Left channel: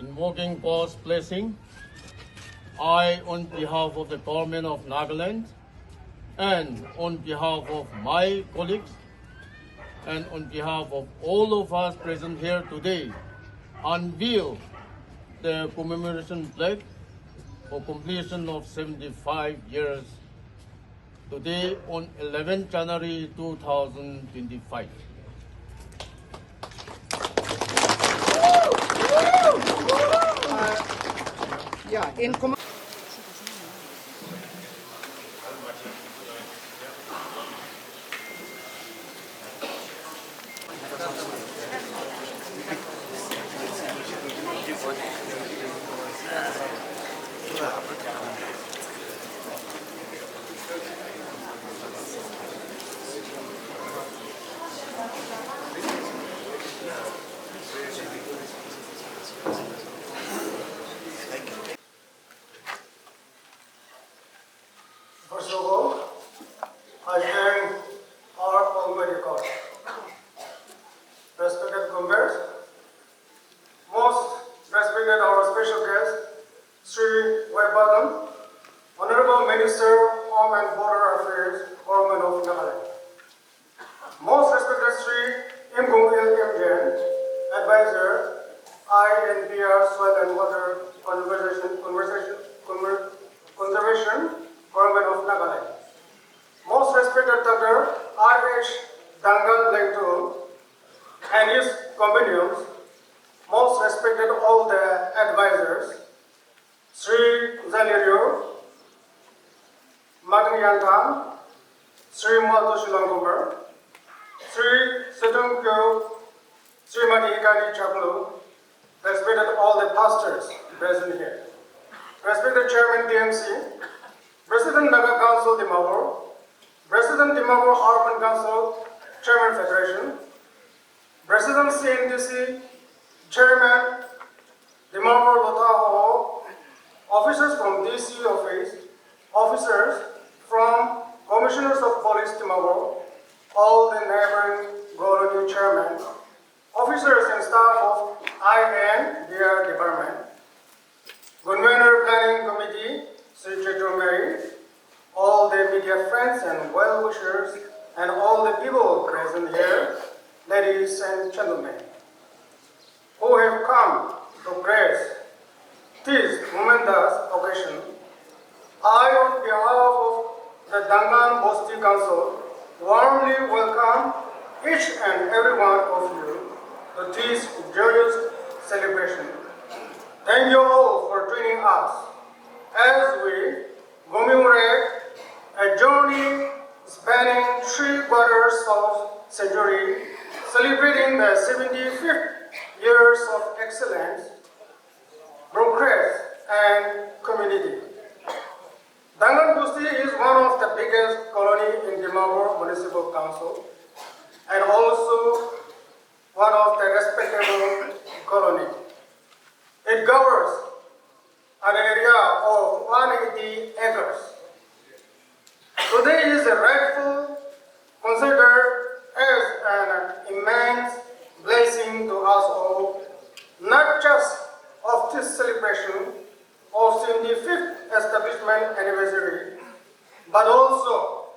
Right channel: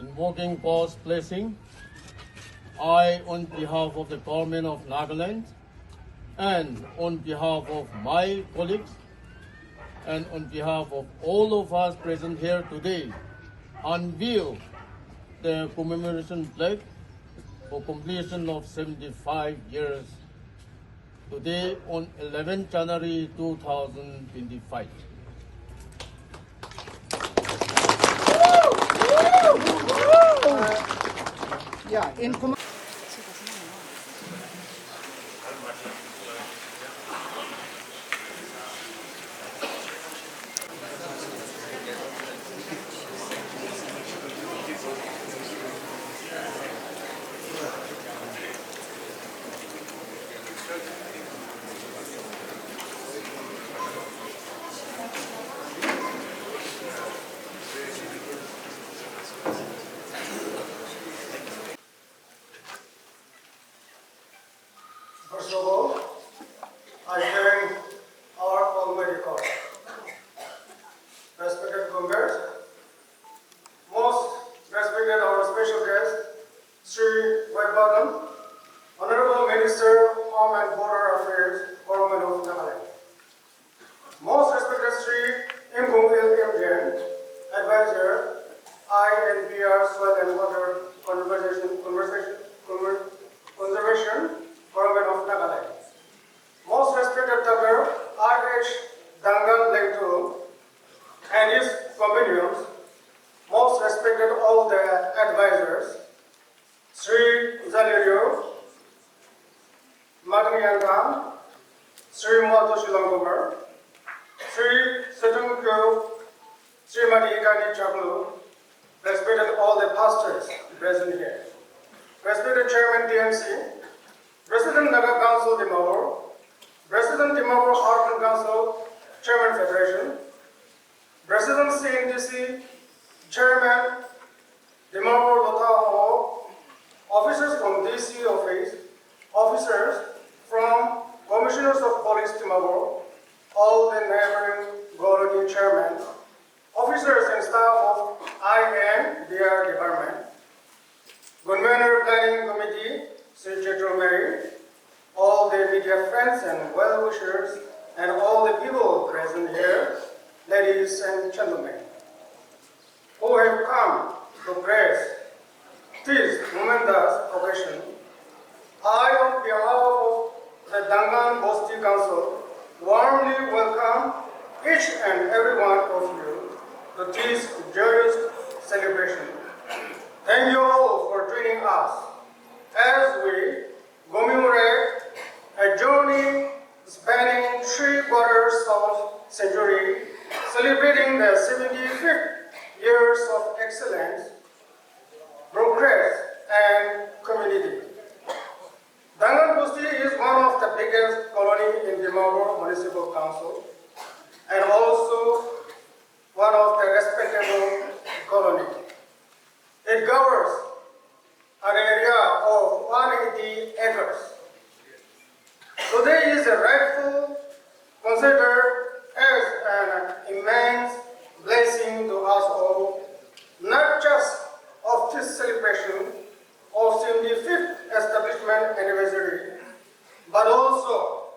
Invoking God's blessing, I, on behalf of the government of Nagaland, and on behalf of my colleagues, and on behalf of all of us present here today, unveil the commemoration flag for completion of 75 years today on 11 January 2025. First of all, I thank our Almighty God. Respected comrades, most respected our special guest, Sri Vaibhavan, Honorable Minister, Home and Border Affairs, Government of Nagaland. Most respected Sri Imgung Il Advisor, INPR Soil and Water Conservation, Government of Naga. Most respected Dr. SJ Duncan and his companions, most respected all the advisors, Sri Zalerio, Magniyantan, Sri Matoshi Langumar, Sri Sedungkyo, Srimati Igani Chaklu, respected all the pastors present here, respected Chairman DMC, President Naga Council Dimawur, President Dimawur Urban Council, Chairman Federation, President CNDC, Chairman Dimawur Lota, officers from DC office, officers from Commissioners of Police Dimawur, all the neighboring colony chairmen, officers and staff of INBR Department, Gunwener Planning Committee, all the media friends and well-wishers, and all the people present here, ladies and gentlemen, who have come to praise this momentous occasion, I, on behalf of the Dangan Bosti Council, warmly welcome each and every one of you to this joyous celebration. Thank you all for joining us as we commemorate a journey spanning 3 quarters of century, celebrating the 75th years of excellence, progress, and community. Dangan Bosti is one of the biggest colony in Dimawur Municipal Council and also one of the respectable colony. It covers an area of 180 acres. Today is rightfully considered as an immense blessing to us all, not just of this celebration of 75th establishment anniversary, but also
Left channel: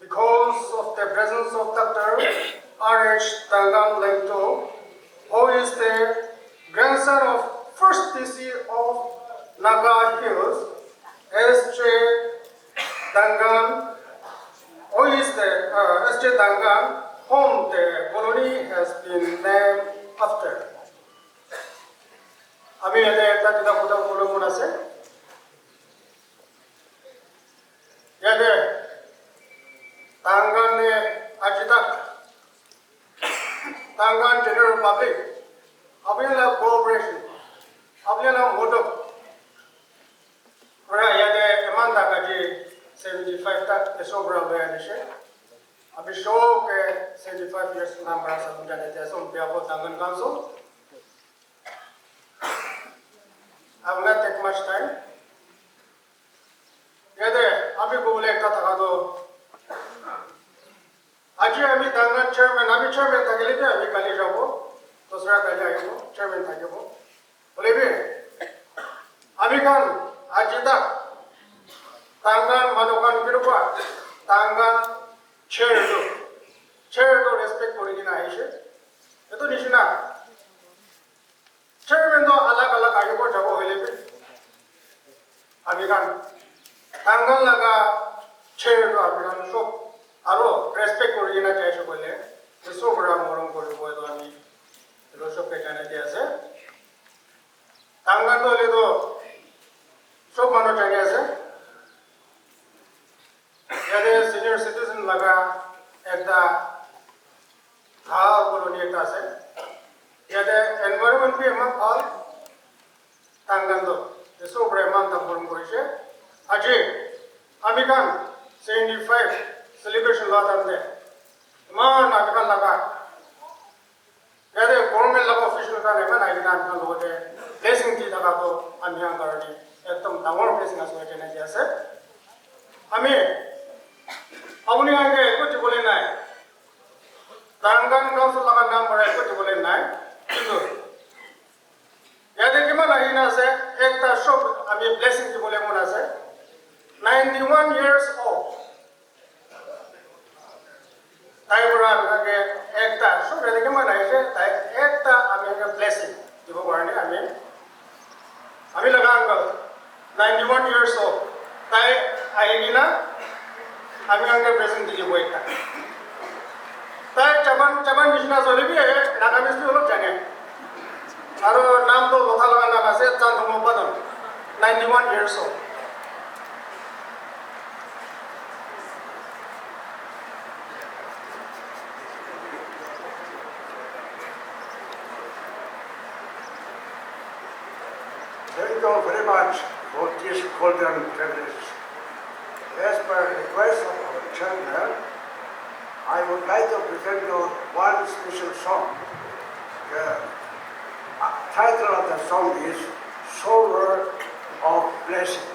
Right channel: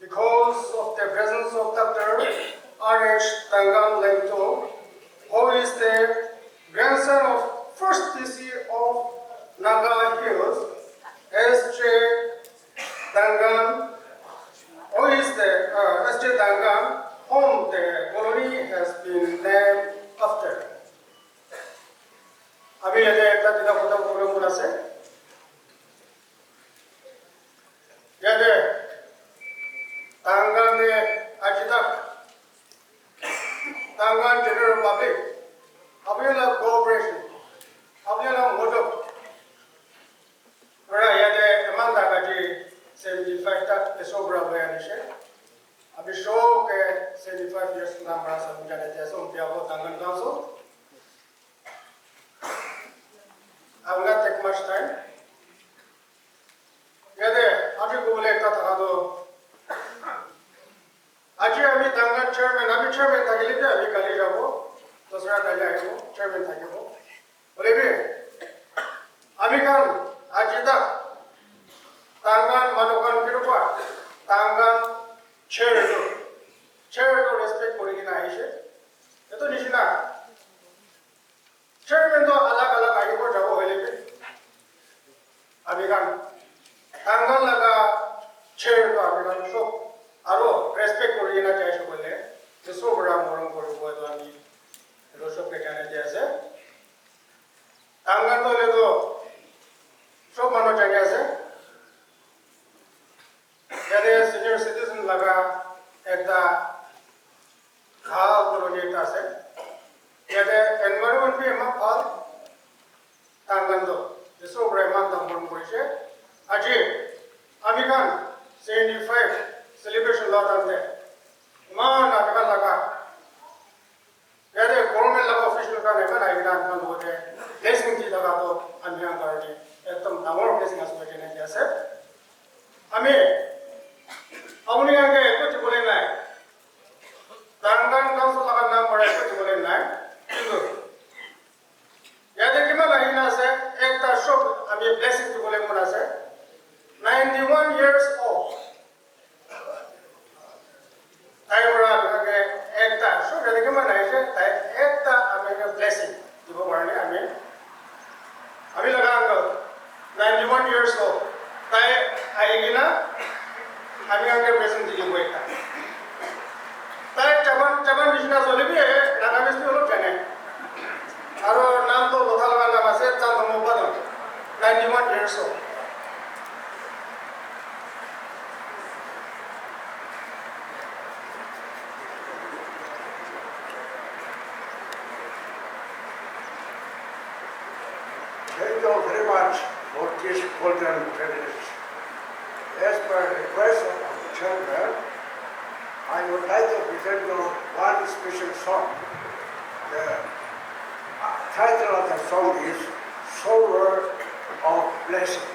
because of the presence of Dr. R.H. Duncan, who is the grandson of first DC of Naga Hills, SJ Duncan, who is the SJ Duncan, whom the colony has been named after. Abi yade tadda buddha program munase. Yade Duncan ne ajitak Duncan General Public, Abiyana Cooperation, Abiyana Moto. Where yade Amanda Gaji 75'TH sobra bayadishe. Abi show ke 75 years number sa mujade jaso diabo Duncan Council. I will not take much time. Yade abi bole kata kado asida tangan manokan kirupa tangan chair to respect kori na aise eto nishina chairman to alag alag age ko jabo hoile pe abigan tangan laga chair to abigan so aro respect kori na chaise bole so bada moron kori bo to ami roso pe kana dia ase tangan to le to so mano jage ase yade senior citizen laga ekta khal koloni ekta ase yade environment bi ma khal tangan to so bada man ta bon koise aji ami kan 75 celebration la dande ma naga laga yade government laga official ka nema na ina kan bote blessing ji daga to anyang garni ekdom dangor blessing asore kena ki ase ami apni age kuch bole nai tangan council laga naam bore kuch bole nai kintu yade kima lahina ase ekta shop ami blessing ji bole mona ase 91 years old taibura lage ekta shop yade kima lahise tai ekta ami blessing dibo barne ami laga uncle 91 years old tai aigina ami age blessing dili boita tai chaman business hole bi naga ministry holo jane aro naam to botha laga naam ase chandomo badon 91 years old Thank you very much for this golden privilege. As per request of the chairman, I would like to present you one special song. The title of the song is Soul of Blessing.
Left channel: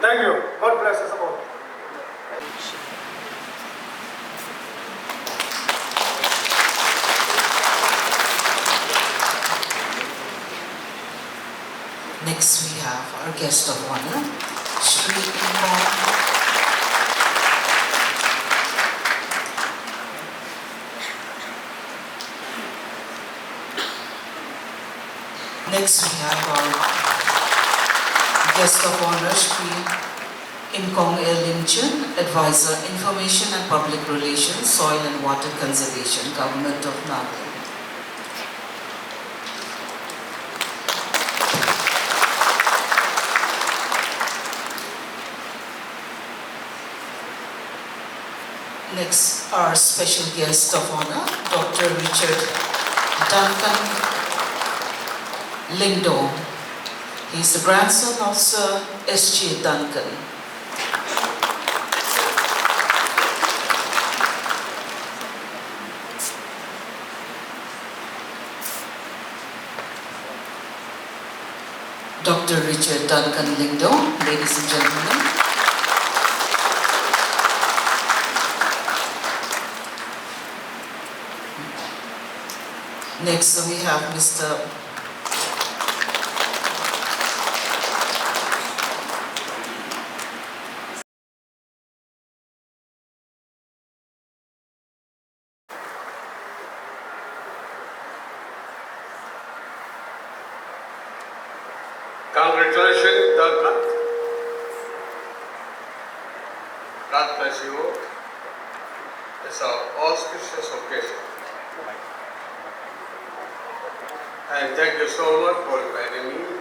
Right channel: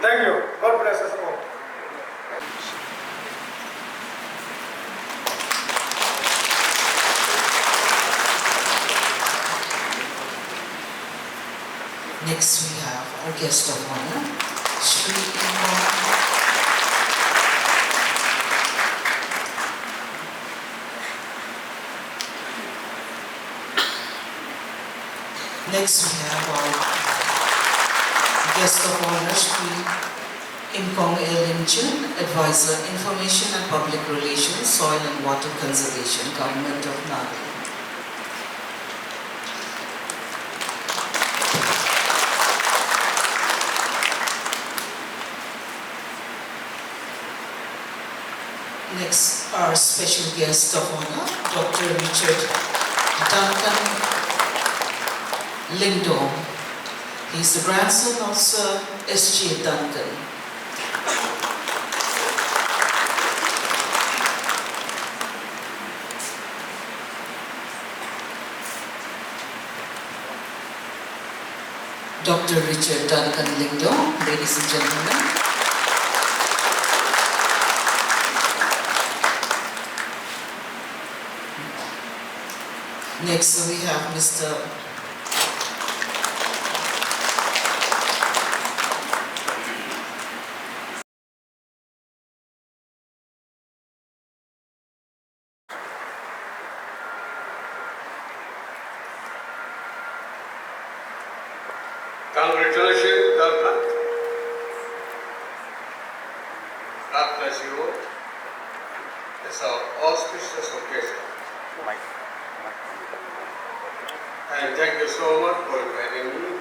Thank you. God bless us all. Next we have our guest of honor, Shri Next we have our guest of honor, Shri Incong Elinchen, Advisor, Information and Public Relations, Soil and Water Conservation, Government of Naga. Next, our special guest of honor, Dr. Richard Duncan Lindo. He's the grandson of Sir SJ Duncan. Dr. Richard Duncan Lindo, ladies and gentlemen. Next we have Mr. Congratulations. bless you all. It's our auspicious occasion. And thank you so much for inviting me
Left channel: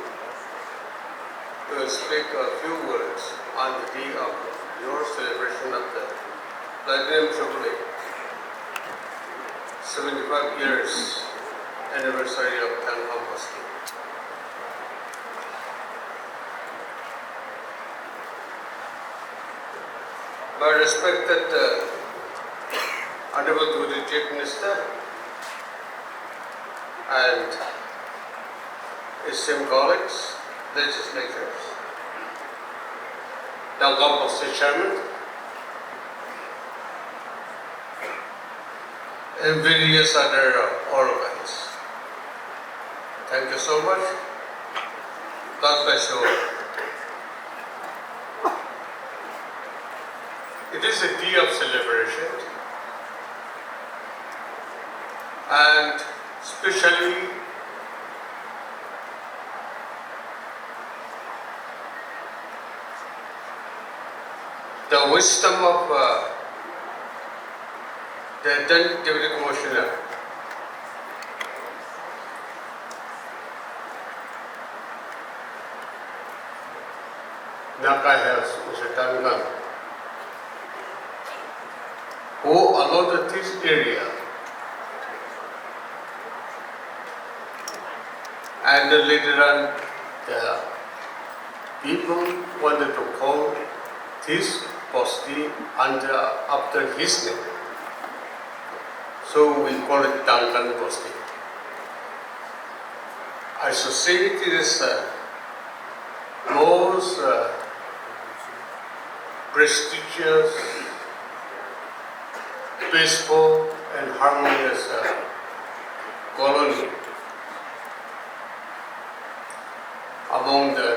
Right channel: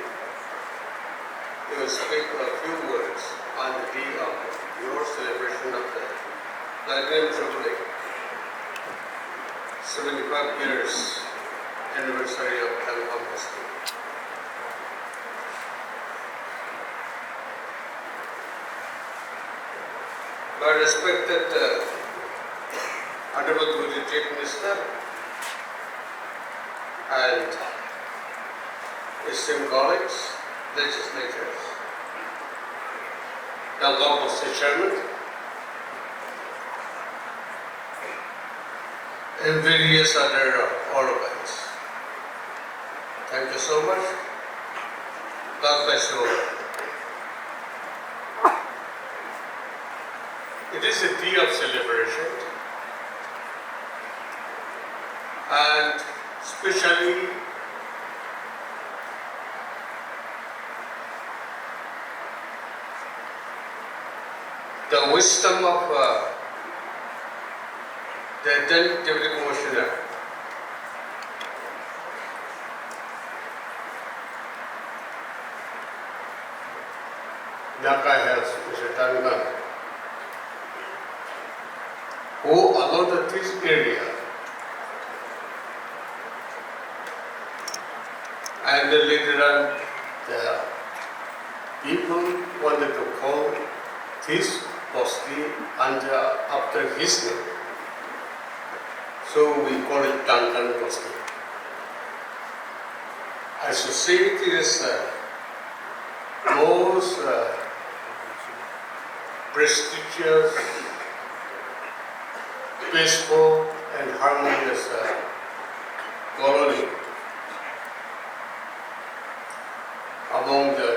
to speak a few words on the day of your celebration of the Platinum Jubilee, 75 years anniversary of Bosti. My respected Honorable Chief Minister and esteemed colleagues, legislators, the Bosti Chairman, and various other organs. Thank you so much. God bless you all. It is a day of celebration, and especially the wisdom of the then Deputy Commissioner, Naga has SJ Duncan, who allotted this area, and then later on the people wanted to call this Bosti after his name. So we call it Duncan Bosti. I should say it is most prestigious, peaceful and harmonious colony among the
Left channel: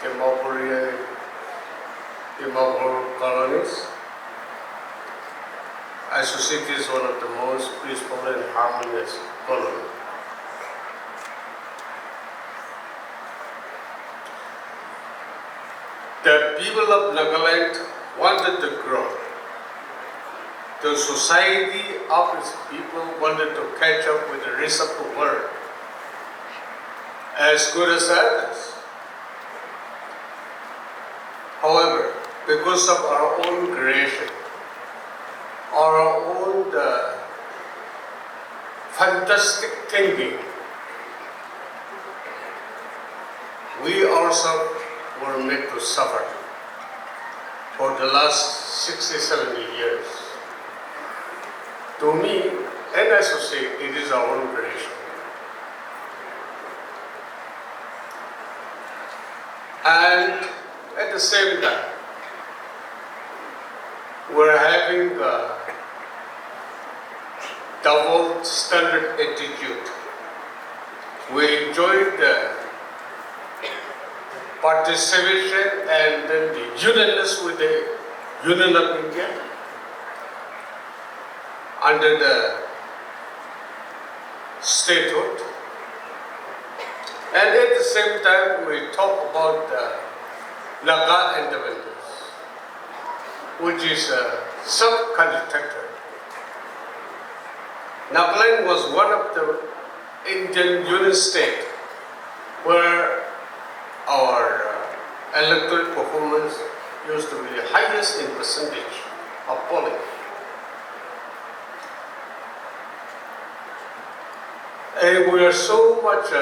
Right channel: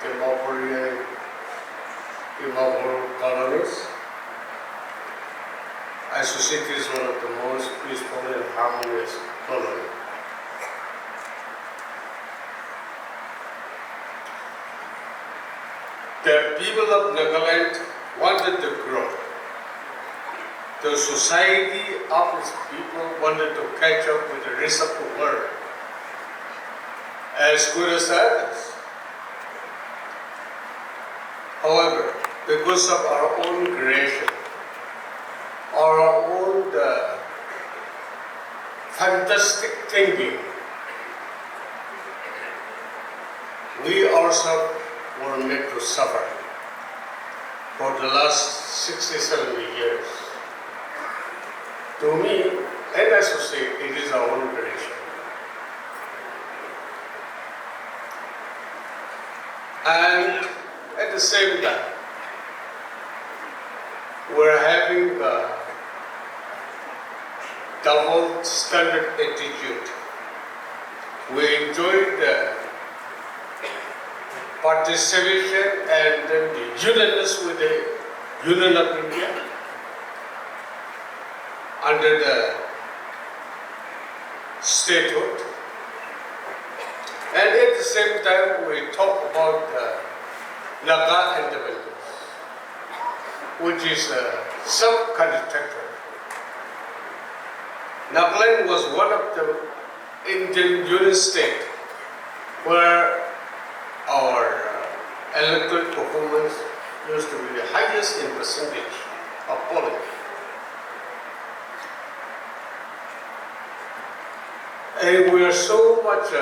Timor colonies. I should say it is one of the most peaceful and harmonious colonies. The people of Nagaland wanted to grow. The society of its people wanted to catch up with the rest of the world as good as others. However, because of our own creation, our own fantastic thinking, we ourselves were made to suffer for the last 60, 70 years. To me, and I should say, it is our own creation. And at the same time, we're having a double standard attitude. We enjoyed the participation and then the unionist with the Union of India under the statehood. And at the same time, we talk about the Naga independence, which is a self-contradictory. Nagaland was one of the Indian Union states where our electoral performance used to be the highest in percentage of polling. And we are so much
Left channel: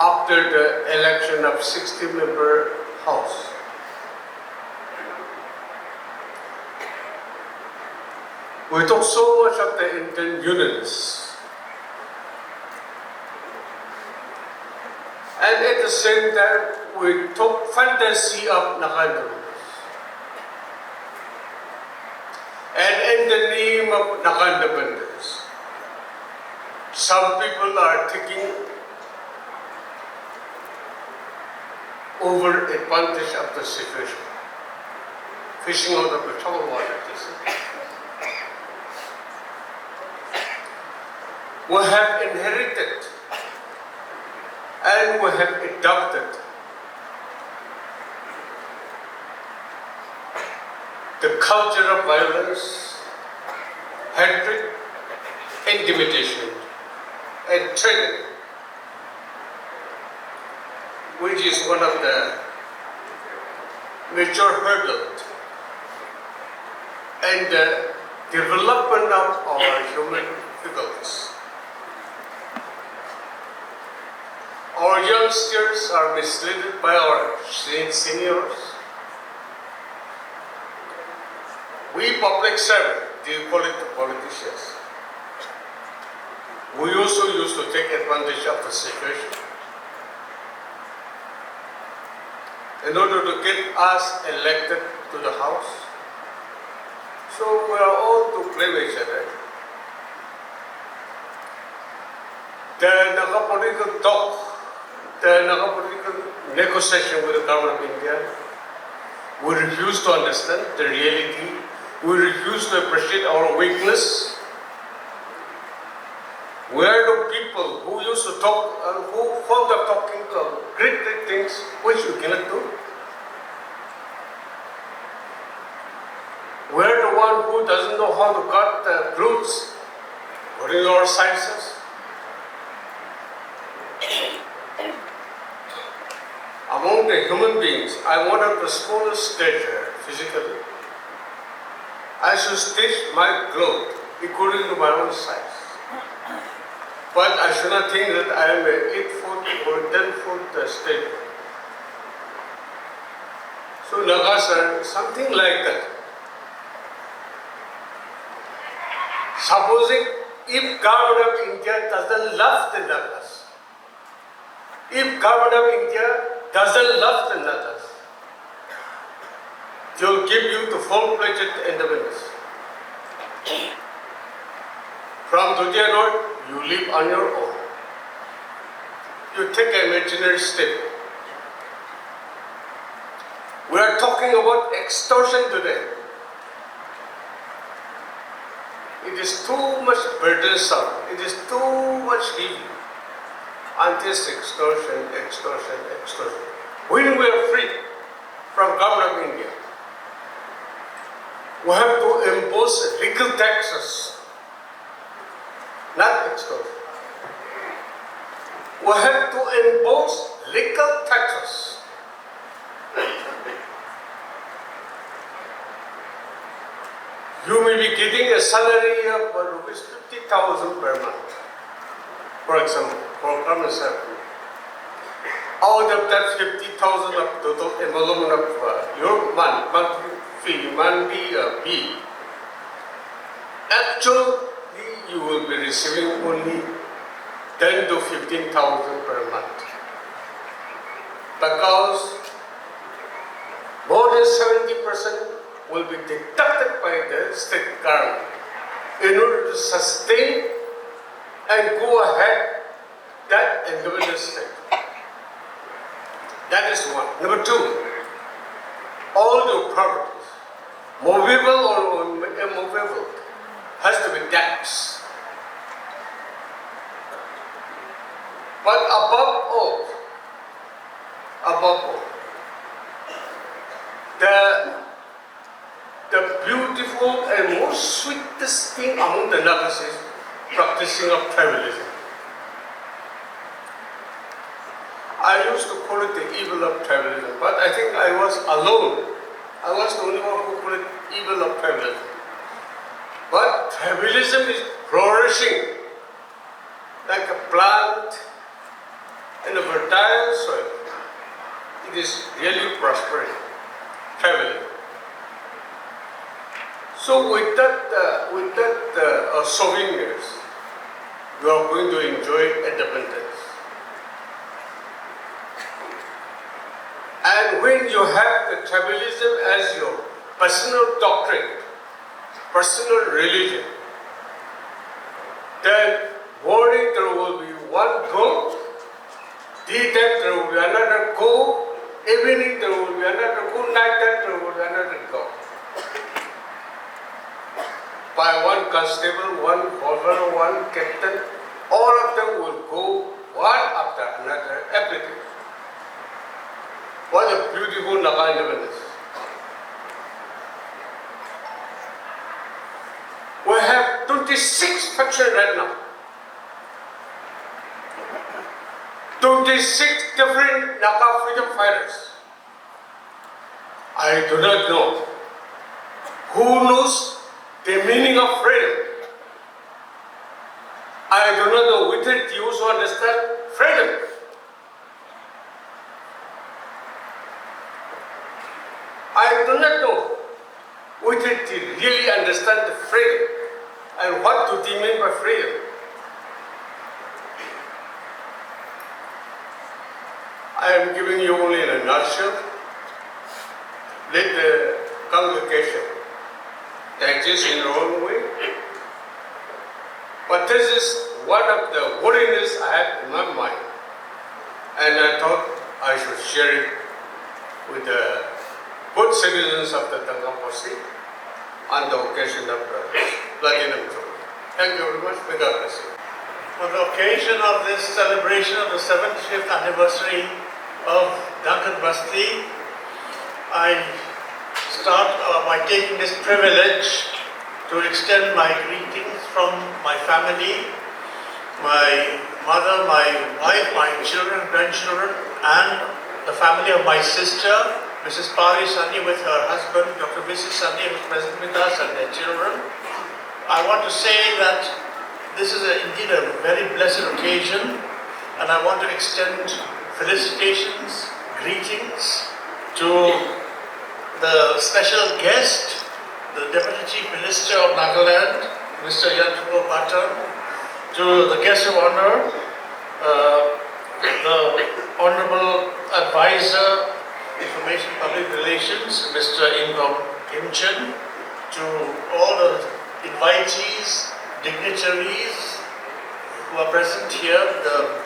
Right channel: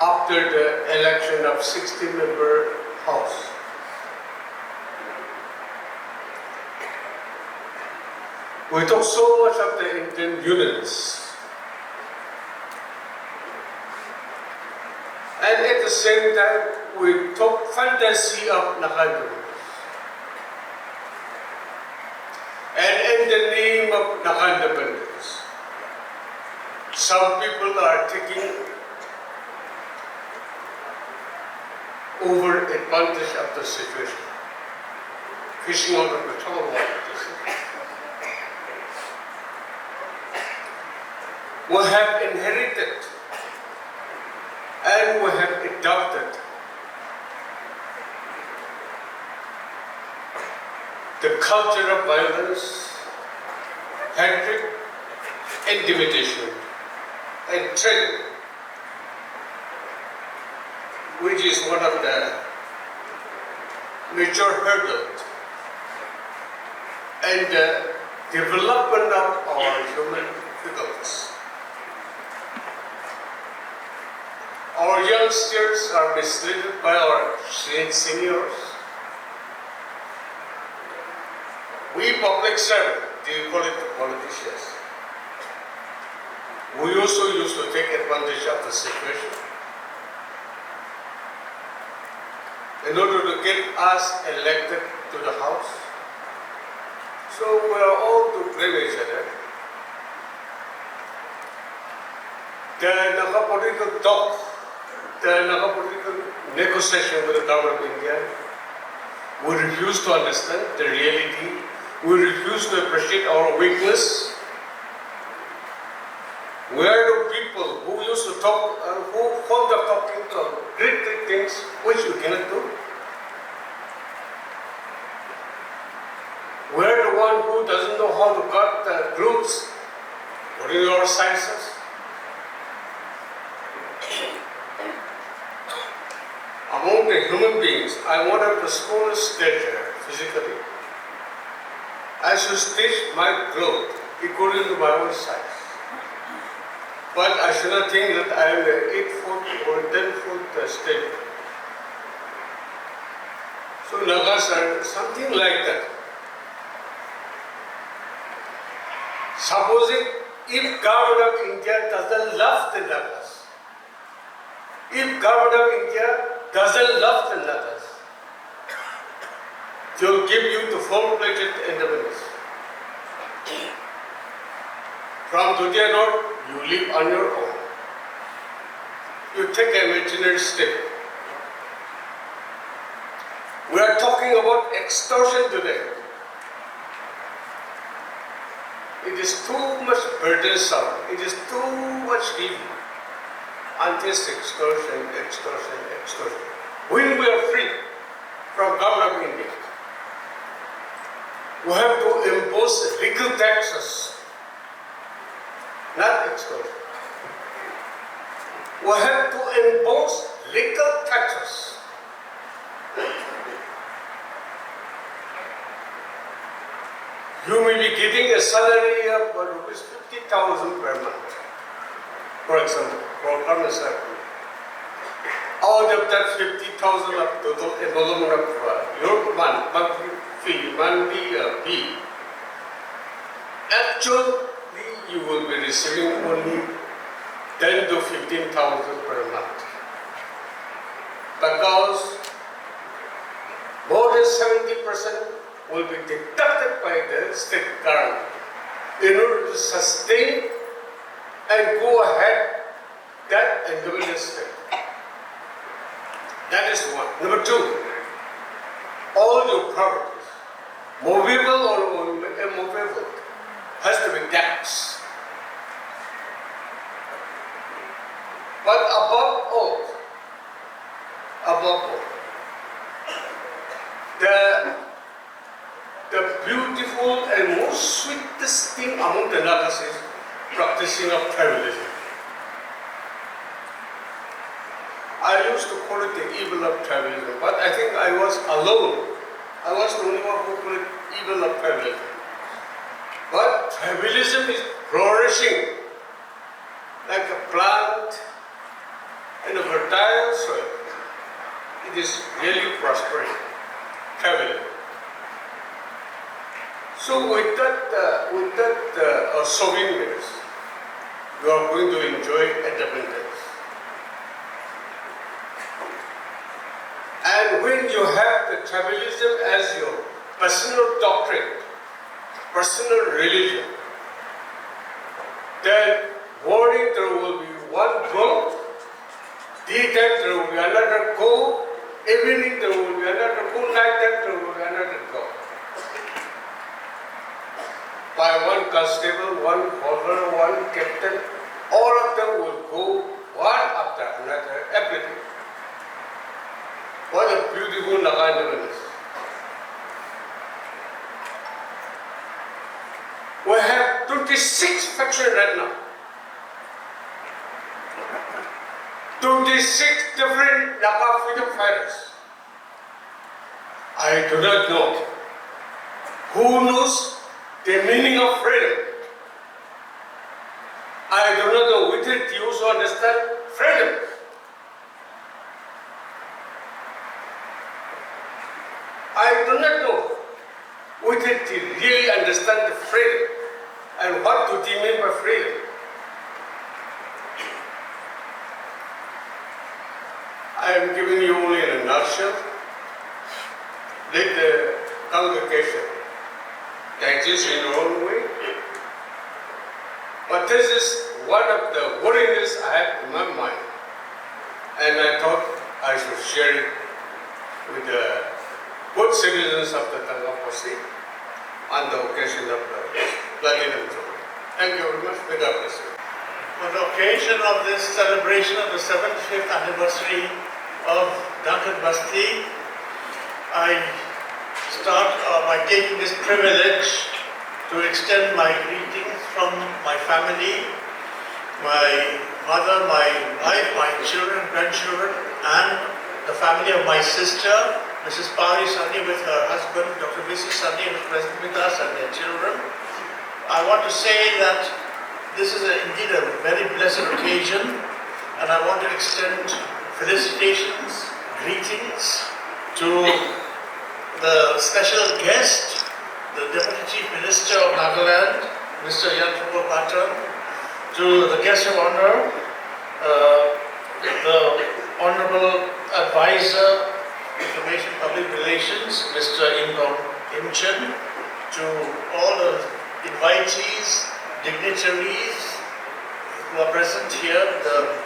after the election of 60-member House. We talk so much of the Indian unions. And at the same time, we talk fantasy of Naga. And in the name of Naga independence, some people are taking over advantage of the situation, fishing out of the trouble water. We have inherited and we have adopted the culture of violence, hatred, intimidation, and tragedy, which is one of the major hurdles and the development of our human faculties. Our youngsters are misled by our seniors. We public servants, they call it the politicians. We also used to take advantage of the situation in order to get us elected to the House. So we are all to blame each other. The Naga political talk, the Naga political negotiation with the government of India, we refuse to understand the reality. We refuse to appreciate our weakness. We are the people who used to talk and who found the talking of great things which we cannot do. We are the one who doesn't know how to cut the roots during our sciences. Among the human beings, I am one of the smallest stature physically. I should stage my growth according to my own size. But I should not think that I am an 8-foot or 10-foot stature. So Nagas are something like that. Supposing if government of India doesn't love the Nagas, if government of India doesn't love the Nagas, they will give you the full-fledged independence. From today on, you live on your own. You take an imaginary state. We are talking about extortion today. It is too much burdensome. It is too much heavy. And just extortion, extortion, extortion. When we are free from government of India, we have to impose legal taxes, not extortion. We have to impose legal taxes. You may be getting a salary of rupees 50,000 per month, for example, for government salary. Out of that 50,000 of total emolument of your monthly fee, monthly fee, actually you will be receiving only 10 to 15,000 per month. Because more than 70% will be deducted by the state government in order to sustain and go ahead that individual state. That is one. Number two, all your properties, movable or immovable, has to be taxed. But above all, the beautiful and most sweetest thing among the Nagas is practicing of tribalism. I used to call it the evil of tribalism, but I think I was alone. I was the only one who called it evil of tribalism. But tribalism is flourishing like a plant in a fertile soil. It is really prospering, tribalism. So with that souvenirs, you are going to enjoy independence. And when you have the tribalism as your personal doctrine, personal religion, then morning there will be one goat, daytime there will be another goat, evening there will be another goat, nighttime there will be another goat. By one constable, one governor, one captain, all of them will go one after another, everything. What a beautiful Naga independence. 26 factions right now. 26 different Naga freedom fighters. I do not know who knows the meaning of freedom. I do not know which it you also understand freedom. I do not know which it really understand the freedom and what do they mean by freedom. I am giving you only in a nutshell. Let the congregation digest in their own way. But this is one of the worries I had in my mind. And I thought I should share it with the good citizens of the Bosti on the occasion of the Platinum Jubilee. Thank you very much. May God bless you. On the occasion of this celebration of the 75th anniversary of Duncan Bosti, I start by taking this privilege to extend my greetings from my family, my mother, my wife, my children, grandchildren, and the family of my sister, Mrs. Pari Sani with her husband, Dr. V.C. Sani with President Mitas and their children. I want to say that this is indeed a very blessed occasion, and I want to extend felicitations, greetings to the special guest, the Deputy Chief Minister of Nagaland, Mr. Yantapur Patan, to the guest of honor, the Honorable Advisor, Information Public Relations, Mr. Ingom Imchen, to all the invitees, dignitaries who are present here, the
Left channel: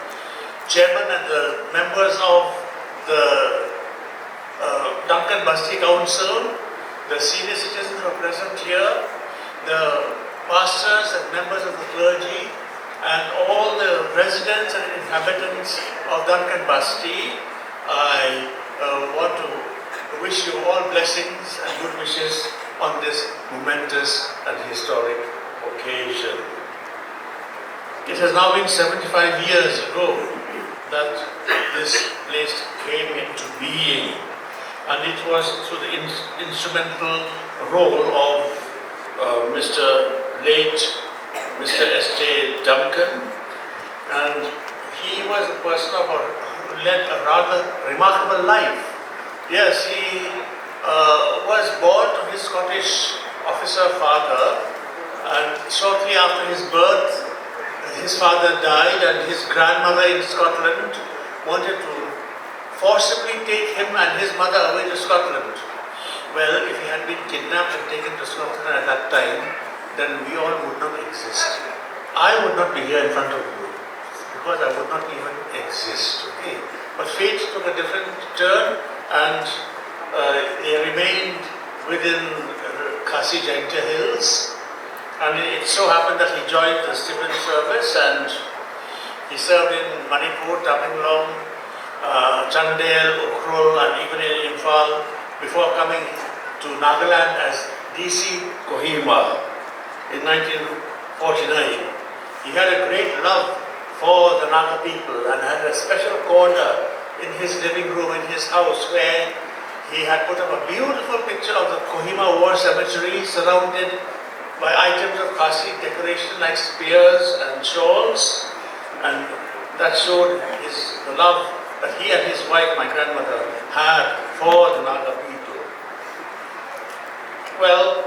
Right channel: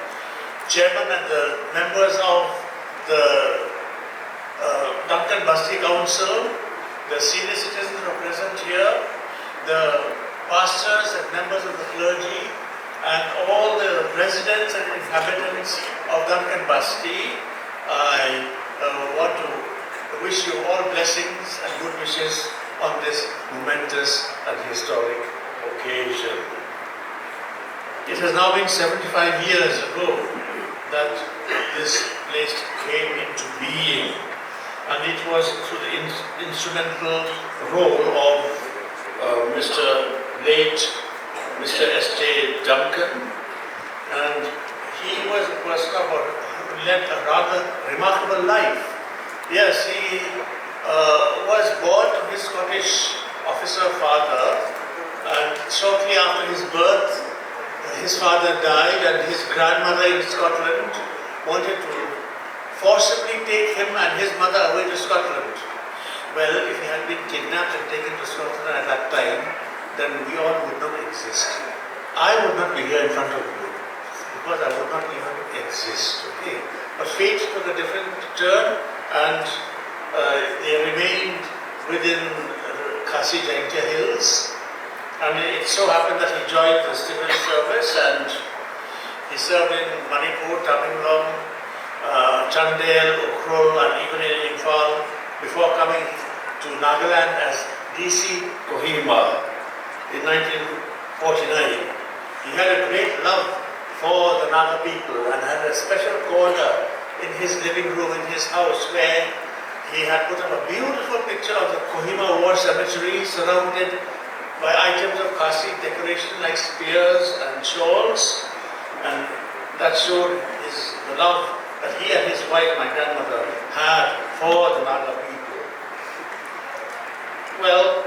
chairman and the members of the Duncan Bosti Council, the senior citizens who are present here, the pastors and members of the clergy, and all the residents and inhabitants of Duncan Bosti. I want to wish you all blessings and good wishes on this momentous and historic occasion. It has now been 75 years ago that this place came into being, and it was through the instrumental role of late Mr. SJ Duncan, and he was a person who led a rather remarkable life. Yes, he was born to his Scottish officer father, and shortly after his birth, his father died, and his grandmother in Scotland wanted to forcibly take him and his mother away to Scotland. Well, if he had been kidnapped and taken to Scotland at that time, then we all would not exist. I would not be here in front of you, because I would not even exist. Okay? But fate took a different turn, and they remained within Khasi Jaintia Hills. And it so happened that he joined the civil service, and he served in Manipur, Tamil Nadu, Chandel, Ukhrul, and even in Imphal before coming to Nagaland as DC Kohima in 1949. He had a great love for the Naga people and had a special corner in his living room in his house where he had put up a beautiful picture of the Kohima War Cemetery surrounded by items of Khasi decoration like spears and shawls, and that showed the love that he and his wife, my grandmother, had for the Naga people. Well,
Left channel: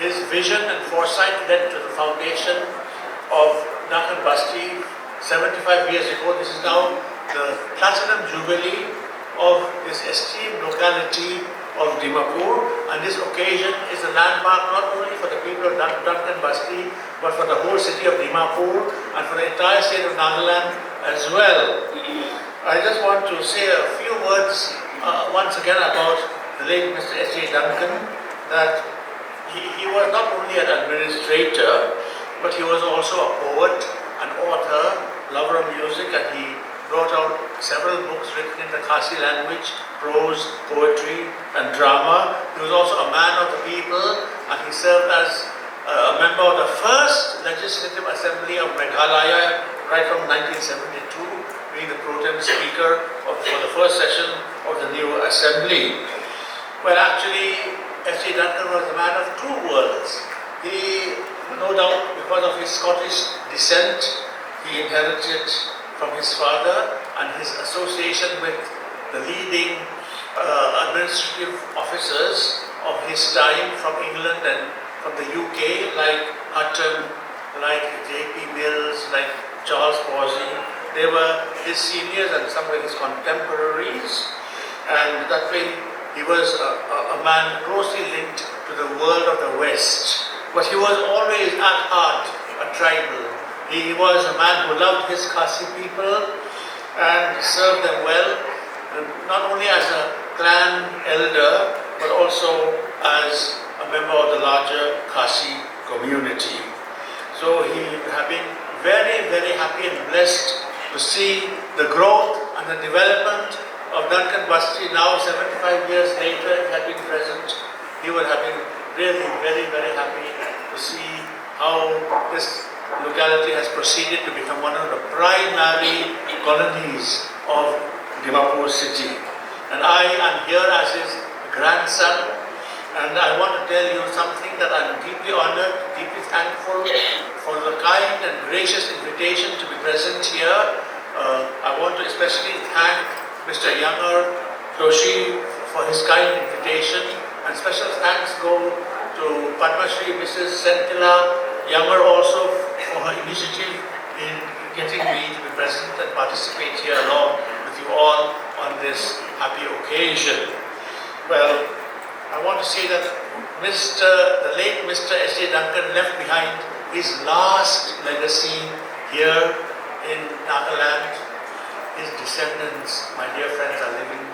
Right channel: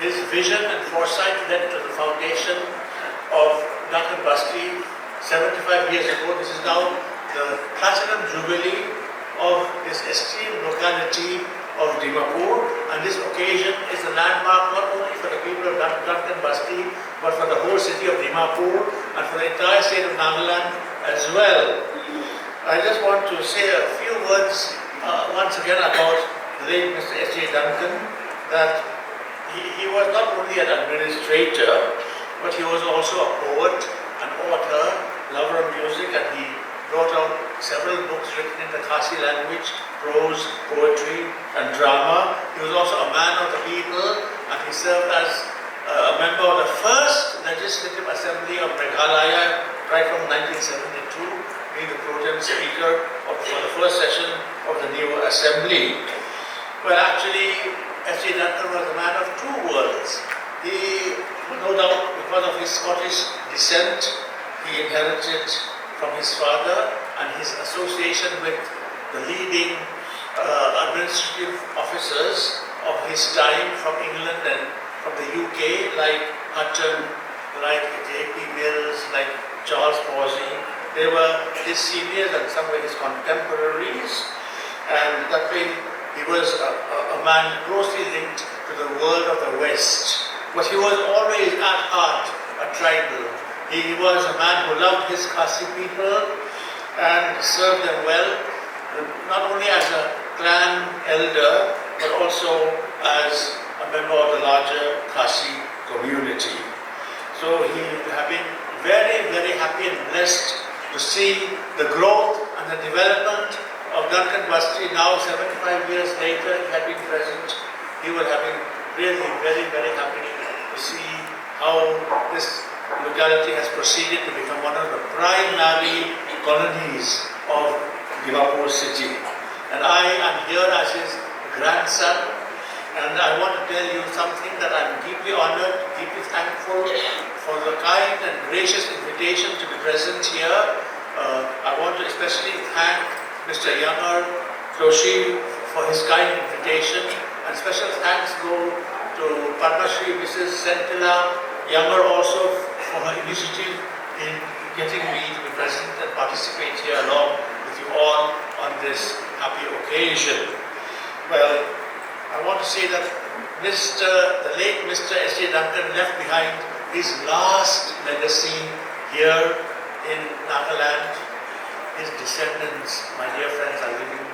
his vision and foresight led to the foundation of Duncan Bosti 75 years ago. This is now the Platinum Jubilee of this esteemed locality of Dimapur, and this occasion is a landmark not only for the people of Duncan Bosti, but for the whole city of Dimapur and for the entire state of Nagaland as well. I just want to say a few words once again about the late Mr. SJ Duncan, that he was not only an administrator, but he was also a poet, an author, lover of music, and he wrote out several books written in the Khasi language, prose, poetry, and drama. He was also a man of the people, and he served as a member of the first Legislative Assembly of Meghalaya, right from 1972, being the pro tem speaker for the first session of the new assembly. Well, actually, SJ Duncan was a man of two worlds. He, no doubt, because of his Scottish descent, he inherited from his father and his association with the leading administrative officers of his time from England and from the UK, like Hutton, like J.P. Mills, like Charles Bosti. They were his seniors and some were his contemporaries, and that way he was a man closely linked to the world of the West. But he was always at heart a tribal. He was a man who loved his Khasi people and served them well, not only as a clan elder, but also as a member of the larger Khasi community. So he has been very, very happy and blessed to see the growth and the development of Duncan Bosti. Now 75 years later, having present, he would have been really very, very happy to see how this locality has proceeded to become one of the primary colonies of Dimapur city. And I am here as his grandson, and I want to tell you something that I am deeply honored, deeply thankful for the kind and gracious invitation to be present here. I want to especially thank Mr. Yamar Joshi for his kind invitation, and special thanks go to Padma Shri Mrs. Sentila Yamar also for her initiative in getting me to be present and participate here along with you all on this happy occasion. Well, I want to say that the late Mr. SJ Duncan left behind his last legacy here in Nagaland. His descendants, my dear friends, are living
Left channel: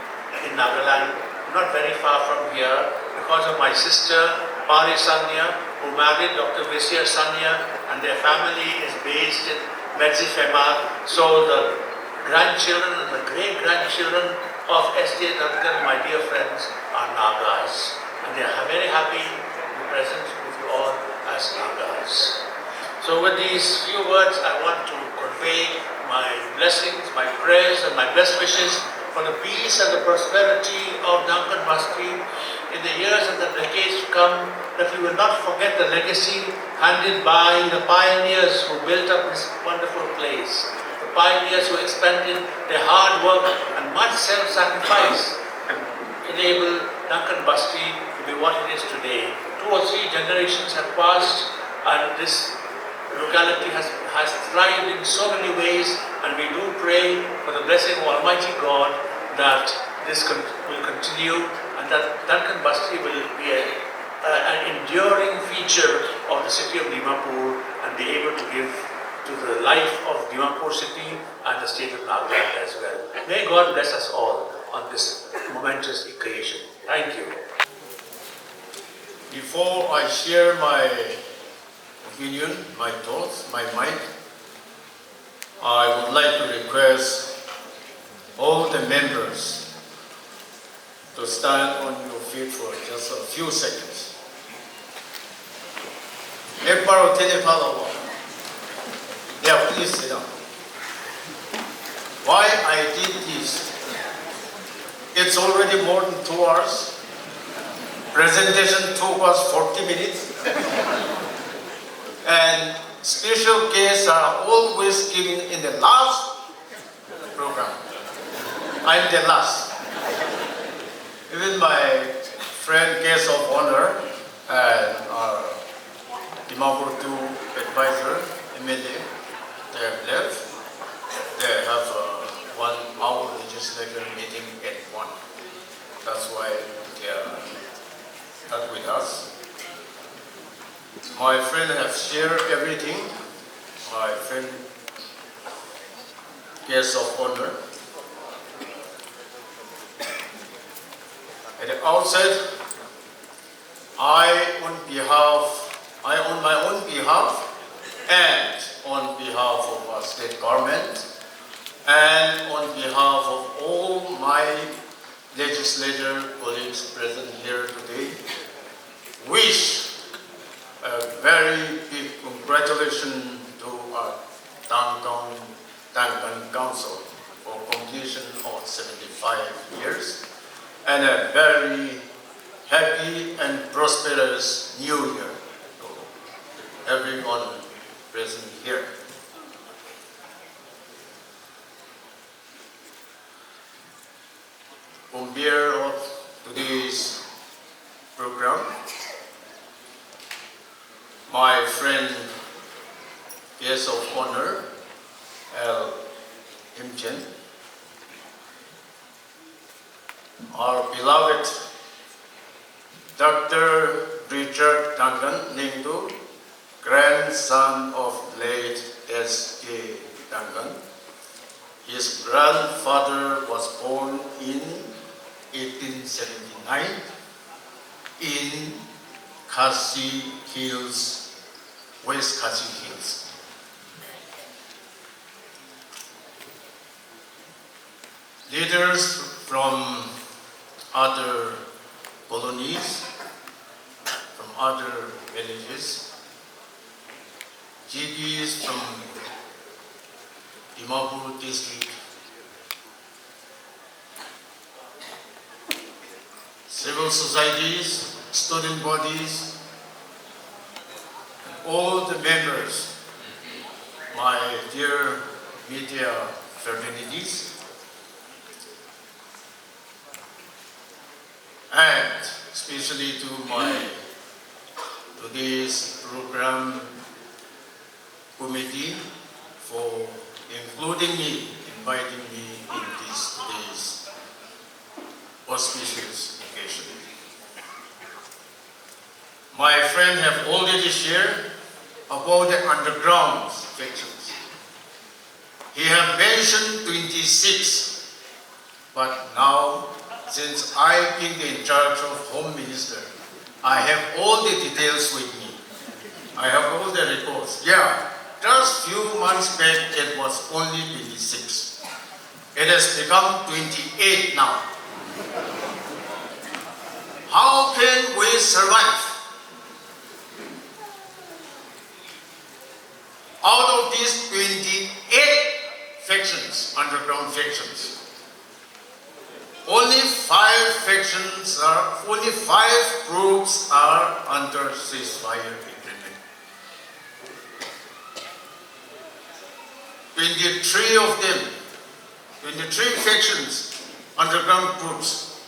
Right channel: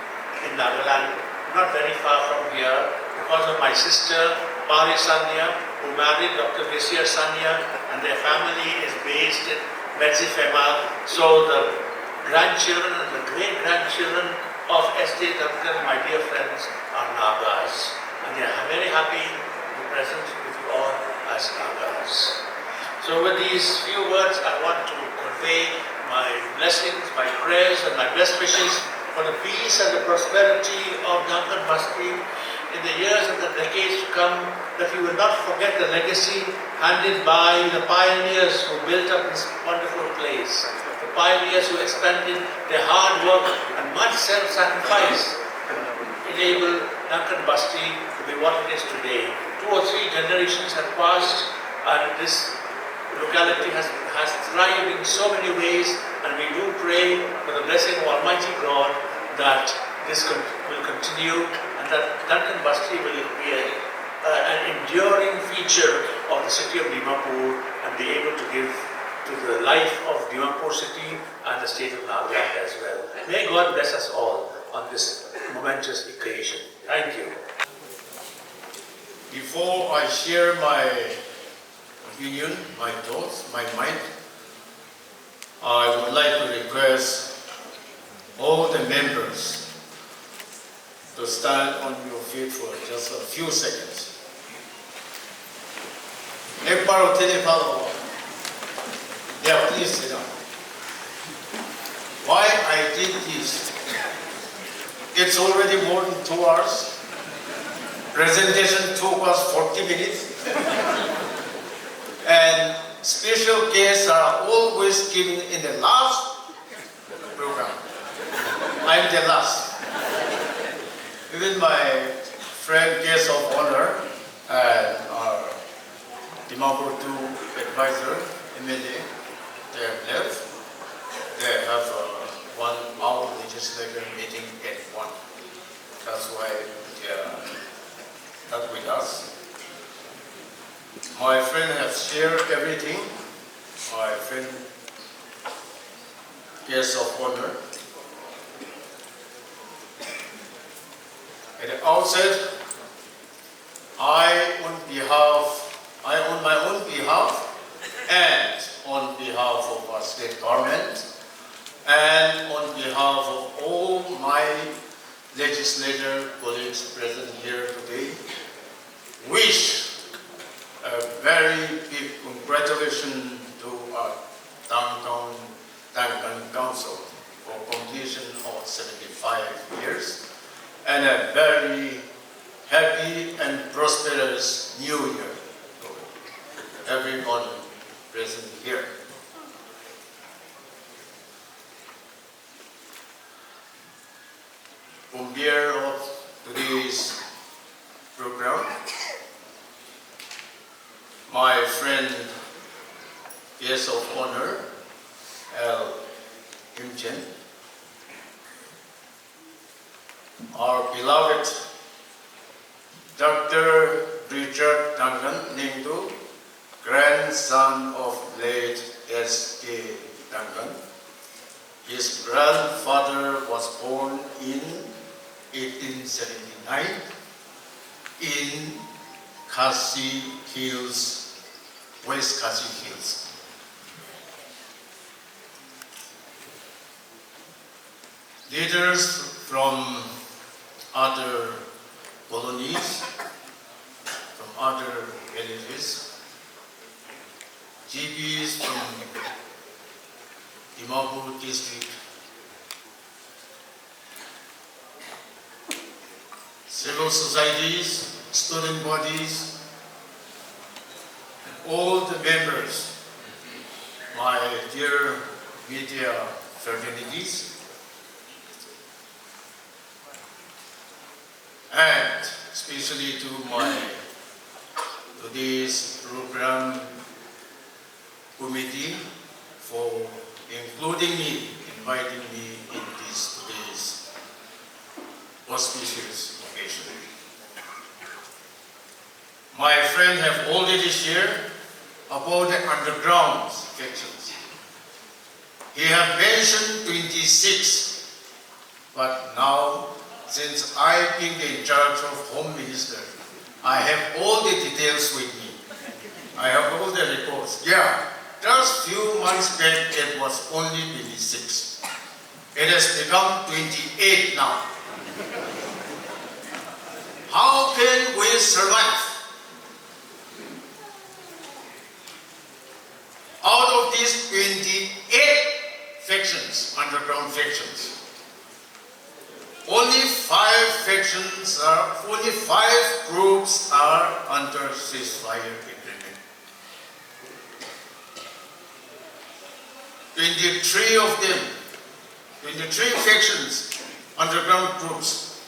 in Nagaland, not very far from here, because of my sister, Pari Sanya, who married Dr. Visya Sanya, and their family is based in Medzifema. So the grandchildren and the great-grandchildren of SJ Duncan, my dear friends, are Nagas. And they are very happy to be present with you all as Nagas. So with these few words, I want to convey my blessings, my prayers, and my best wishes for the peace and the prosperity of Duncan Bosti in the years and the decades to come, that we will not forget the legacy handed by the pioneers who built up this wonderful place. The pioneers who expended their hard work and much self-sacrifice to enable Duncan Bosti to be what it is today. 2 or 3 generations have passed, and this locality has thrived in so many ways, and we do pray for the blessing of Almighty God that this will continue, and that Duncan Bosti will be an enduring feature of the city of Dimapur and be able to give to the life of Dimapur city and the state of Nagaland as well. May God bless us all on this momentous occasion. Thank you. Before I share my opinion, my thoughts, my mind, I would like to request all the members to stand on your feet for just a few seconds. Yeah, please sit down. Why I did this? It's already more than 2 hours. Presentation took us 40 minutes. And special guests are always given in the last program. I'm the last. Even my friend guest of honor and our Dimapur 2 advisor, MLA, they have left. They have 1 hour legislature meeting at 1. That's why they are not with us. My friend has shared everything. My friend, guest of honor. At the outset, on my own behalf and on behalf of our state government and on behalf of all my legislator colleagues present here today, wish a very very big congratulations to our Downtown Duncan Council for completion of 75 years and a very happy and prosperous New Year to everyone present here. On behalf of today's program, my friend, guest of honor, L. Imchen, our beloved Dr. Richard Duncan, Nindu, grandson of late SJ Duncan. His grandfather was born in 1879 in Khasi Hills, West Khasi Hills. Leaders from other colonies, from other villages, GPs from Dimapur district, civil societies, student bodies, and all the members, my dear media fraternities, and especially to my today's program committee for including me, inviting me in this today's auspicious occasion. My friend have already shared about the underground sections. He have mentioned 26, but now, since I've been in charge of Home Minister, I have all the details with me. I have all the reports. Yeah, just few months back it was only 26. It has become 28 now. How can we survive? Out of these 28 factions, underground factions, only 5 groups are under ceasefire agreement. 23 of them, 23 factions, underground groups.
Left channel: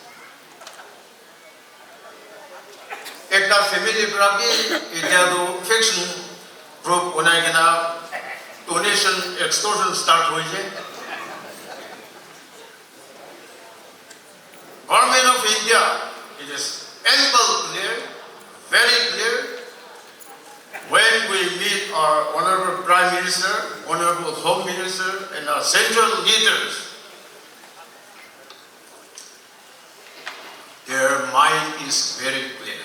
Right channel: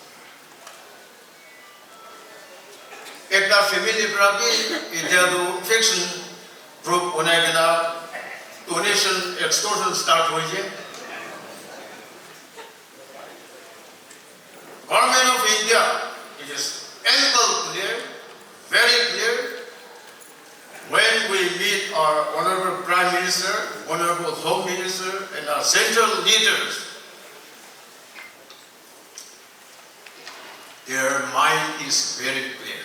Ekta family prati, idharu faction group unaigana donation extortion start hoje. Government of India, it is ample clear, very clear. When we meet our Honorable Prime Minister, Honorable Home Minister, and our central leaders, their mind is very clear.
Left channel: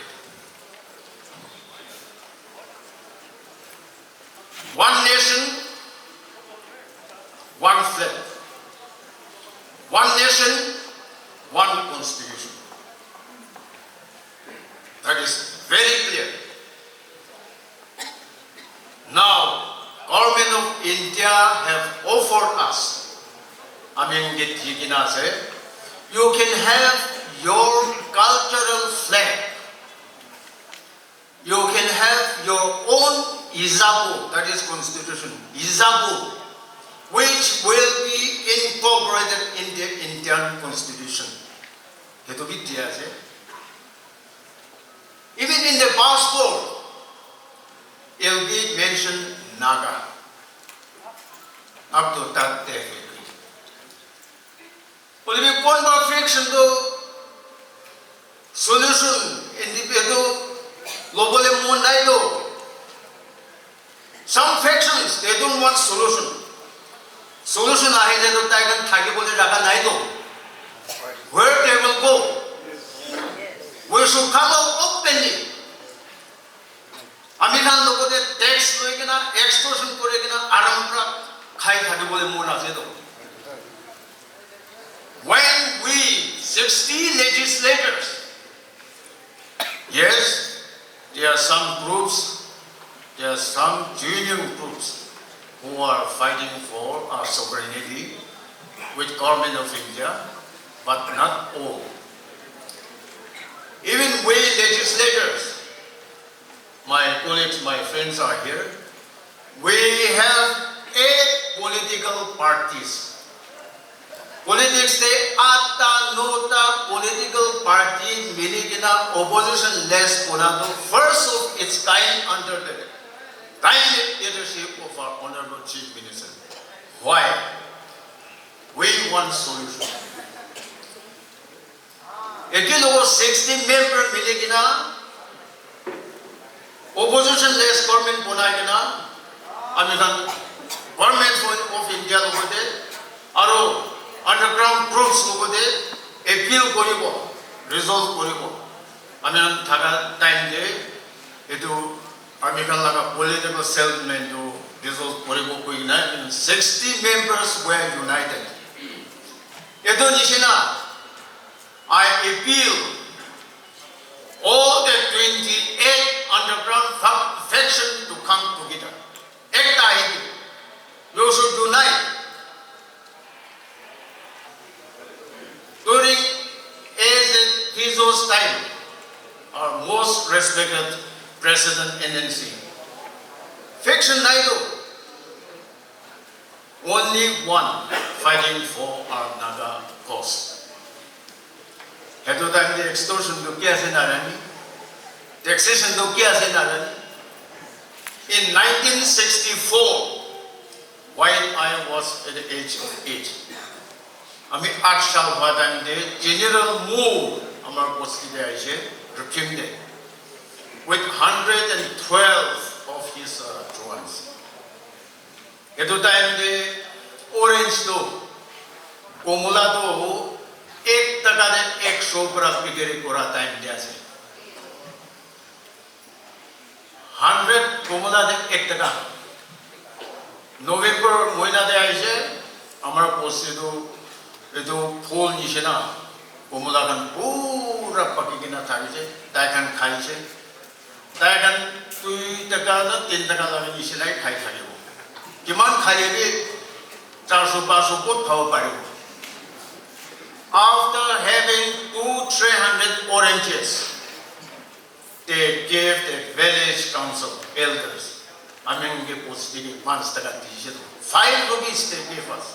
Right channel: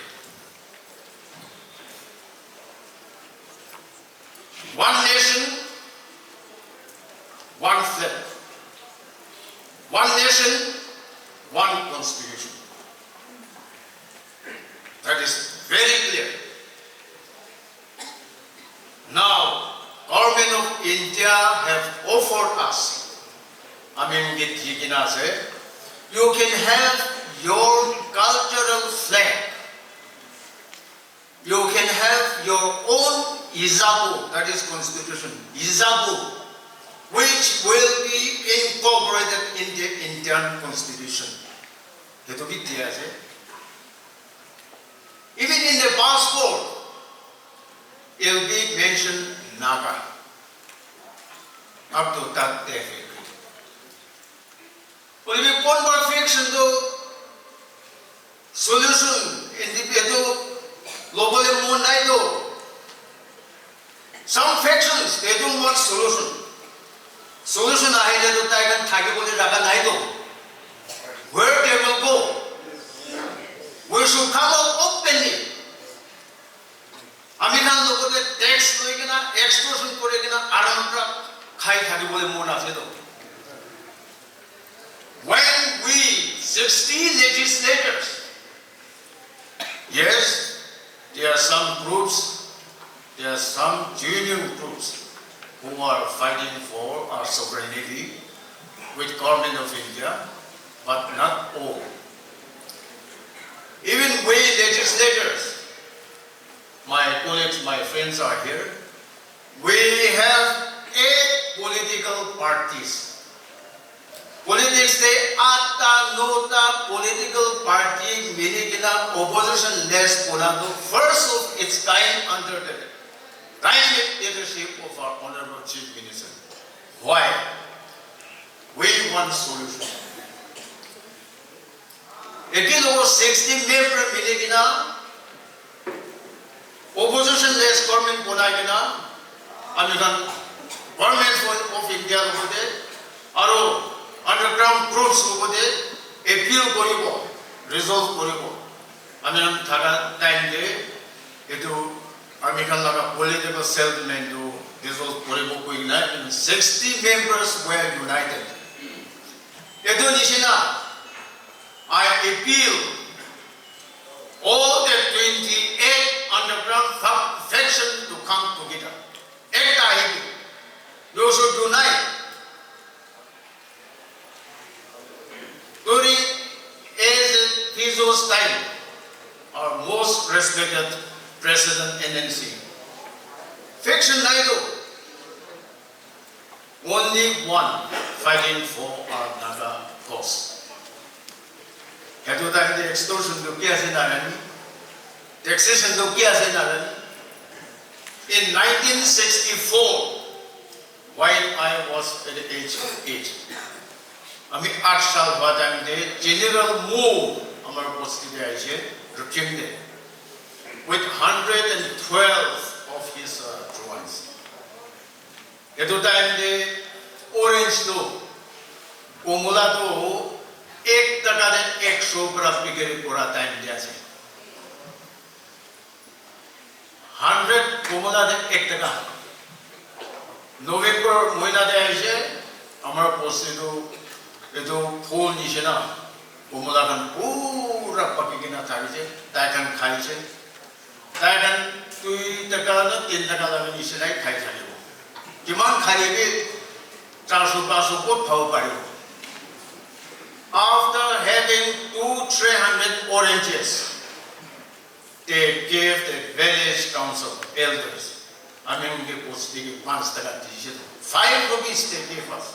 One nation, one flag. One nation, one constitution. That is very clear. Now, government of India have offered us, you can have your cultural flag. You can have your own Izabu, that is constitution, Izabu, which will be incorporated in the Indian constitution. Even in the passport, it will be mentioned Naga. Up to that day. Will be one more fiction to solution in the global Mundaito. Some factions, they don't want solution. Solution ahead of Tiger where they will go. We should come out openly. American look at tax extortion when we 60 legislators, yes, there are some groups there are some genuine groups who are fighting for our sovereignty with government of India, but not all. Even we legislators, my colleagues, my friends are here, we have 8 political parties. Politics say atta nota political party militana opposition less ponado first of its kind under the direct leadership of our Honorable Chief Minister. Why? We want solution. Again over 60 member militana opposition less government ponagana American government of India over there. Underground groups over there, appeal koribo, resolve koribo. Amen. Thaga time de, etu American laga political settlement to resolve koribo koi na. 60 members were united. Etu nishina, I appeal all the 28 underground factions to come together. You should unite. During Fizo's time, our most respected President NNC, Fiction Naidu, only one fighting for our Naga cause. Hetu time the extortion to Kiasin Arani, taxation to Kiasin Arani. In 1964, while I was at the age of 8, আমি 8 সাল বাদানিতে general move আমার Bosti retrieved with 112 of his troops. At the time the orange to কমলা তো 1 টাকা de 100 গ্রাম বিক্রি করা time দিয়েছে 100 কমলা de 1 টাকা November মহিলা দেয় আছে আমরা Bosti তো जो फूल नीचे ना कोमला kan पूरा पकी के ना खाई से ताकन खाई से ताकन तुई तका ना 3 टका लगे नीचे नहीं खाई जाने वो किमान खाई भी 400-500 को थाव पाए after having 200-300 oranges they gave the village council elders I mean के Bosti के 5 टका दीजिए 5 rupees they gave us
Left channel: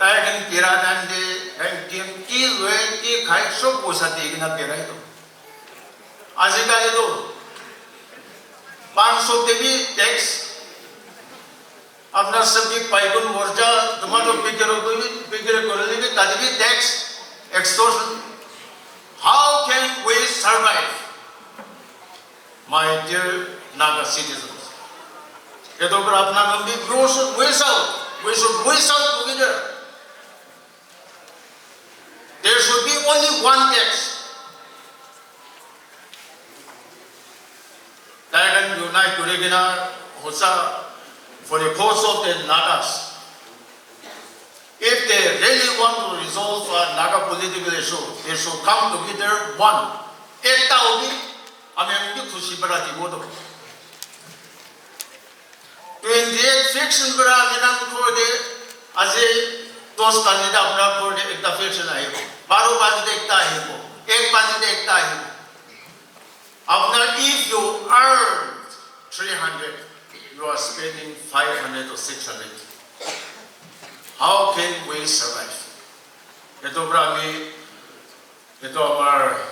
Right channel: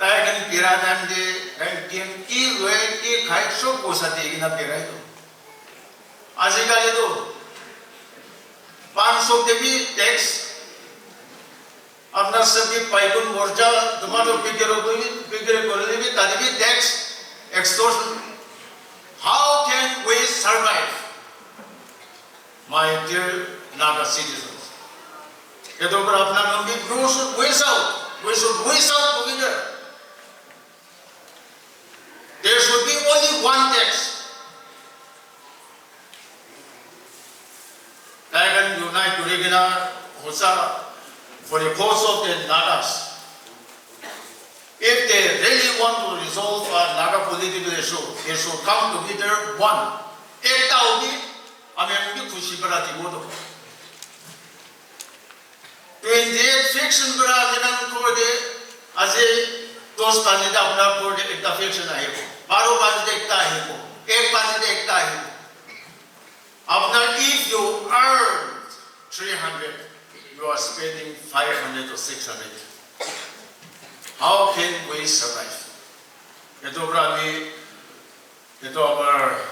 Tayagan piradan de ranking kilwe ki khai so posa de na pirai to. Azikale to 500 debi tax apna sabhi paigun morja tomato pigere korle ne tadbi tax extortion. How can we survive, my dear Naga citizens? Keto apna nambi we should wish out together. There should be only one text. That can unite together for the cause of the Nagas. If they really want to resolve a Naga political issue, they should come together one. Ekta hobi, ame khushi barati bodo. 28 fiction bara minan ko de aje दोस्त पानी दे अपना code एक दफे चला है वो 12 पानी दे एकता है वो एक पानी दे एकता है अपना if you earn 300 you are spending 500 or 600 how can we survive itu berami itu our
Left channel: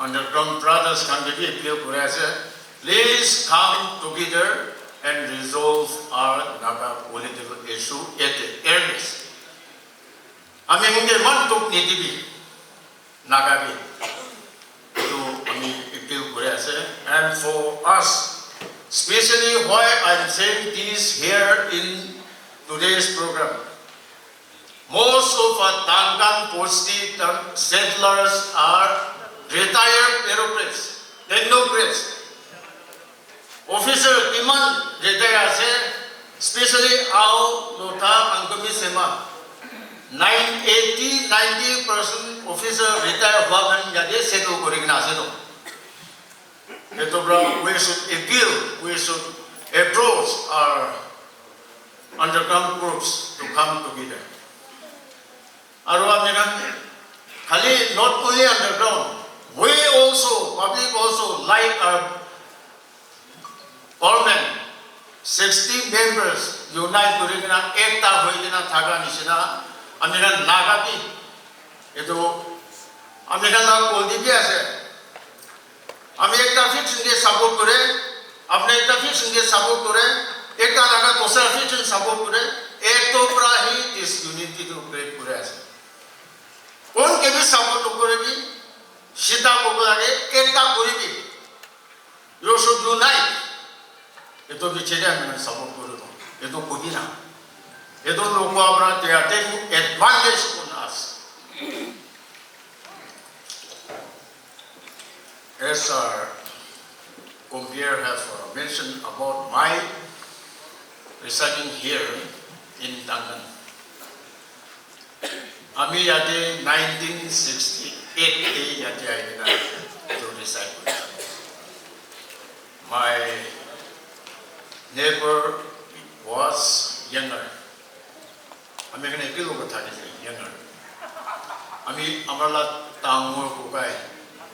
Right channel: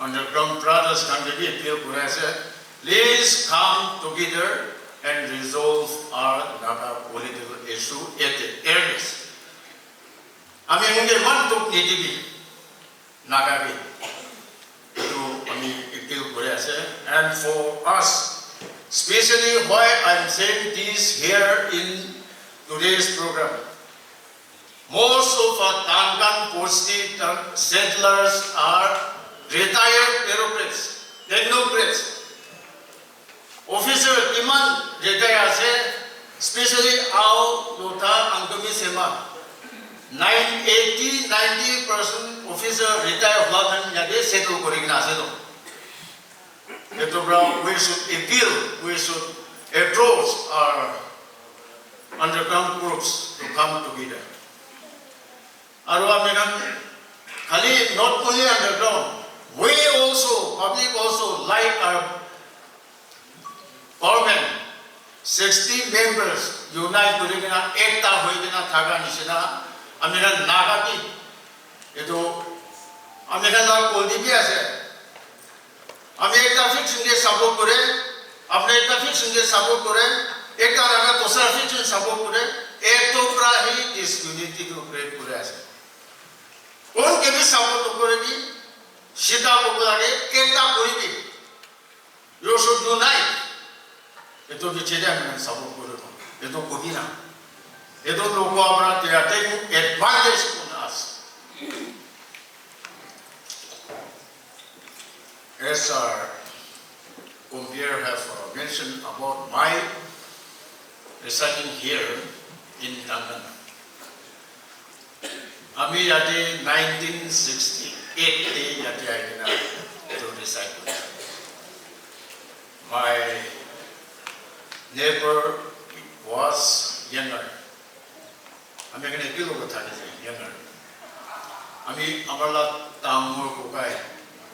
underground brothers kan jadi appeal kurasa please come together and resolve our Naga political issue at the earliest. I mean, in the one book, Naga, and for us, especially why I'm saying this here in today's program. Most of our Duncan Bosti settlers are retired bureaucrats, technocrats. Officer demand retired, especially our Nota Angami Sema. 90% officer retire हुआ बन जाते settle करेंगे ना settle. we should appeal, we should approach our underground groups to come together. Not only underground, we also, public also, like our parliament, 60 members unite Kurigina, Ekta Huigina Taga Nishina, Amiran Nagati, Edo Amiran Koldibiase. America fix in the support to it, America fix in the support to it, Ekta Kosa fix in support to it, Etopra is unity to create Kurasa. All can be support to Kurigi, Shita Kurage, Ekta Kurigi. You should unite. It will be Chilean and support Kurigi. It will Kudina. It will look they are taking advantage on us. As our compere have mentioned about my residing here in Duncan. Ami yate 1968 yate I to reside. My neighbor was younger. Ami kene kilo kathani younger. Ami amala tamur kukai.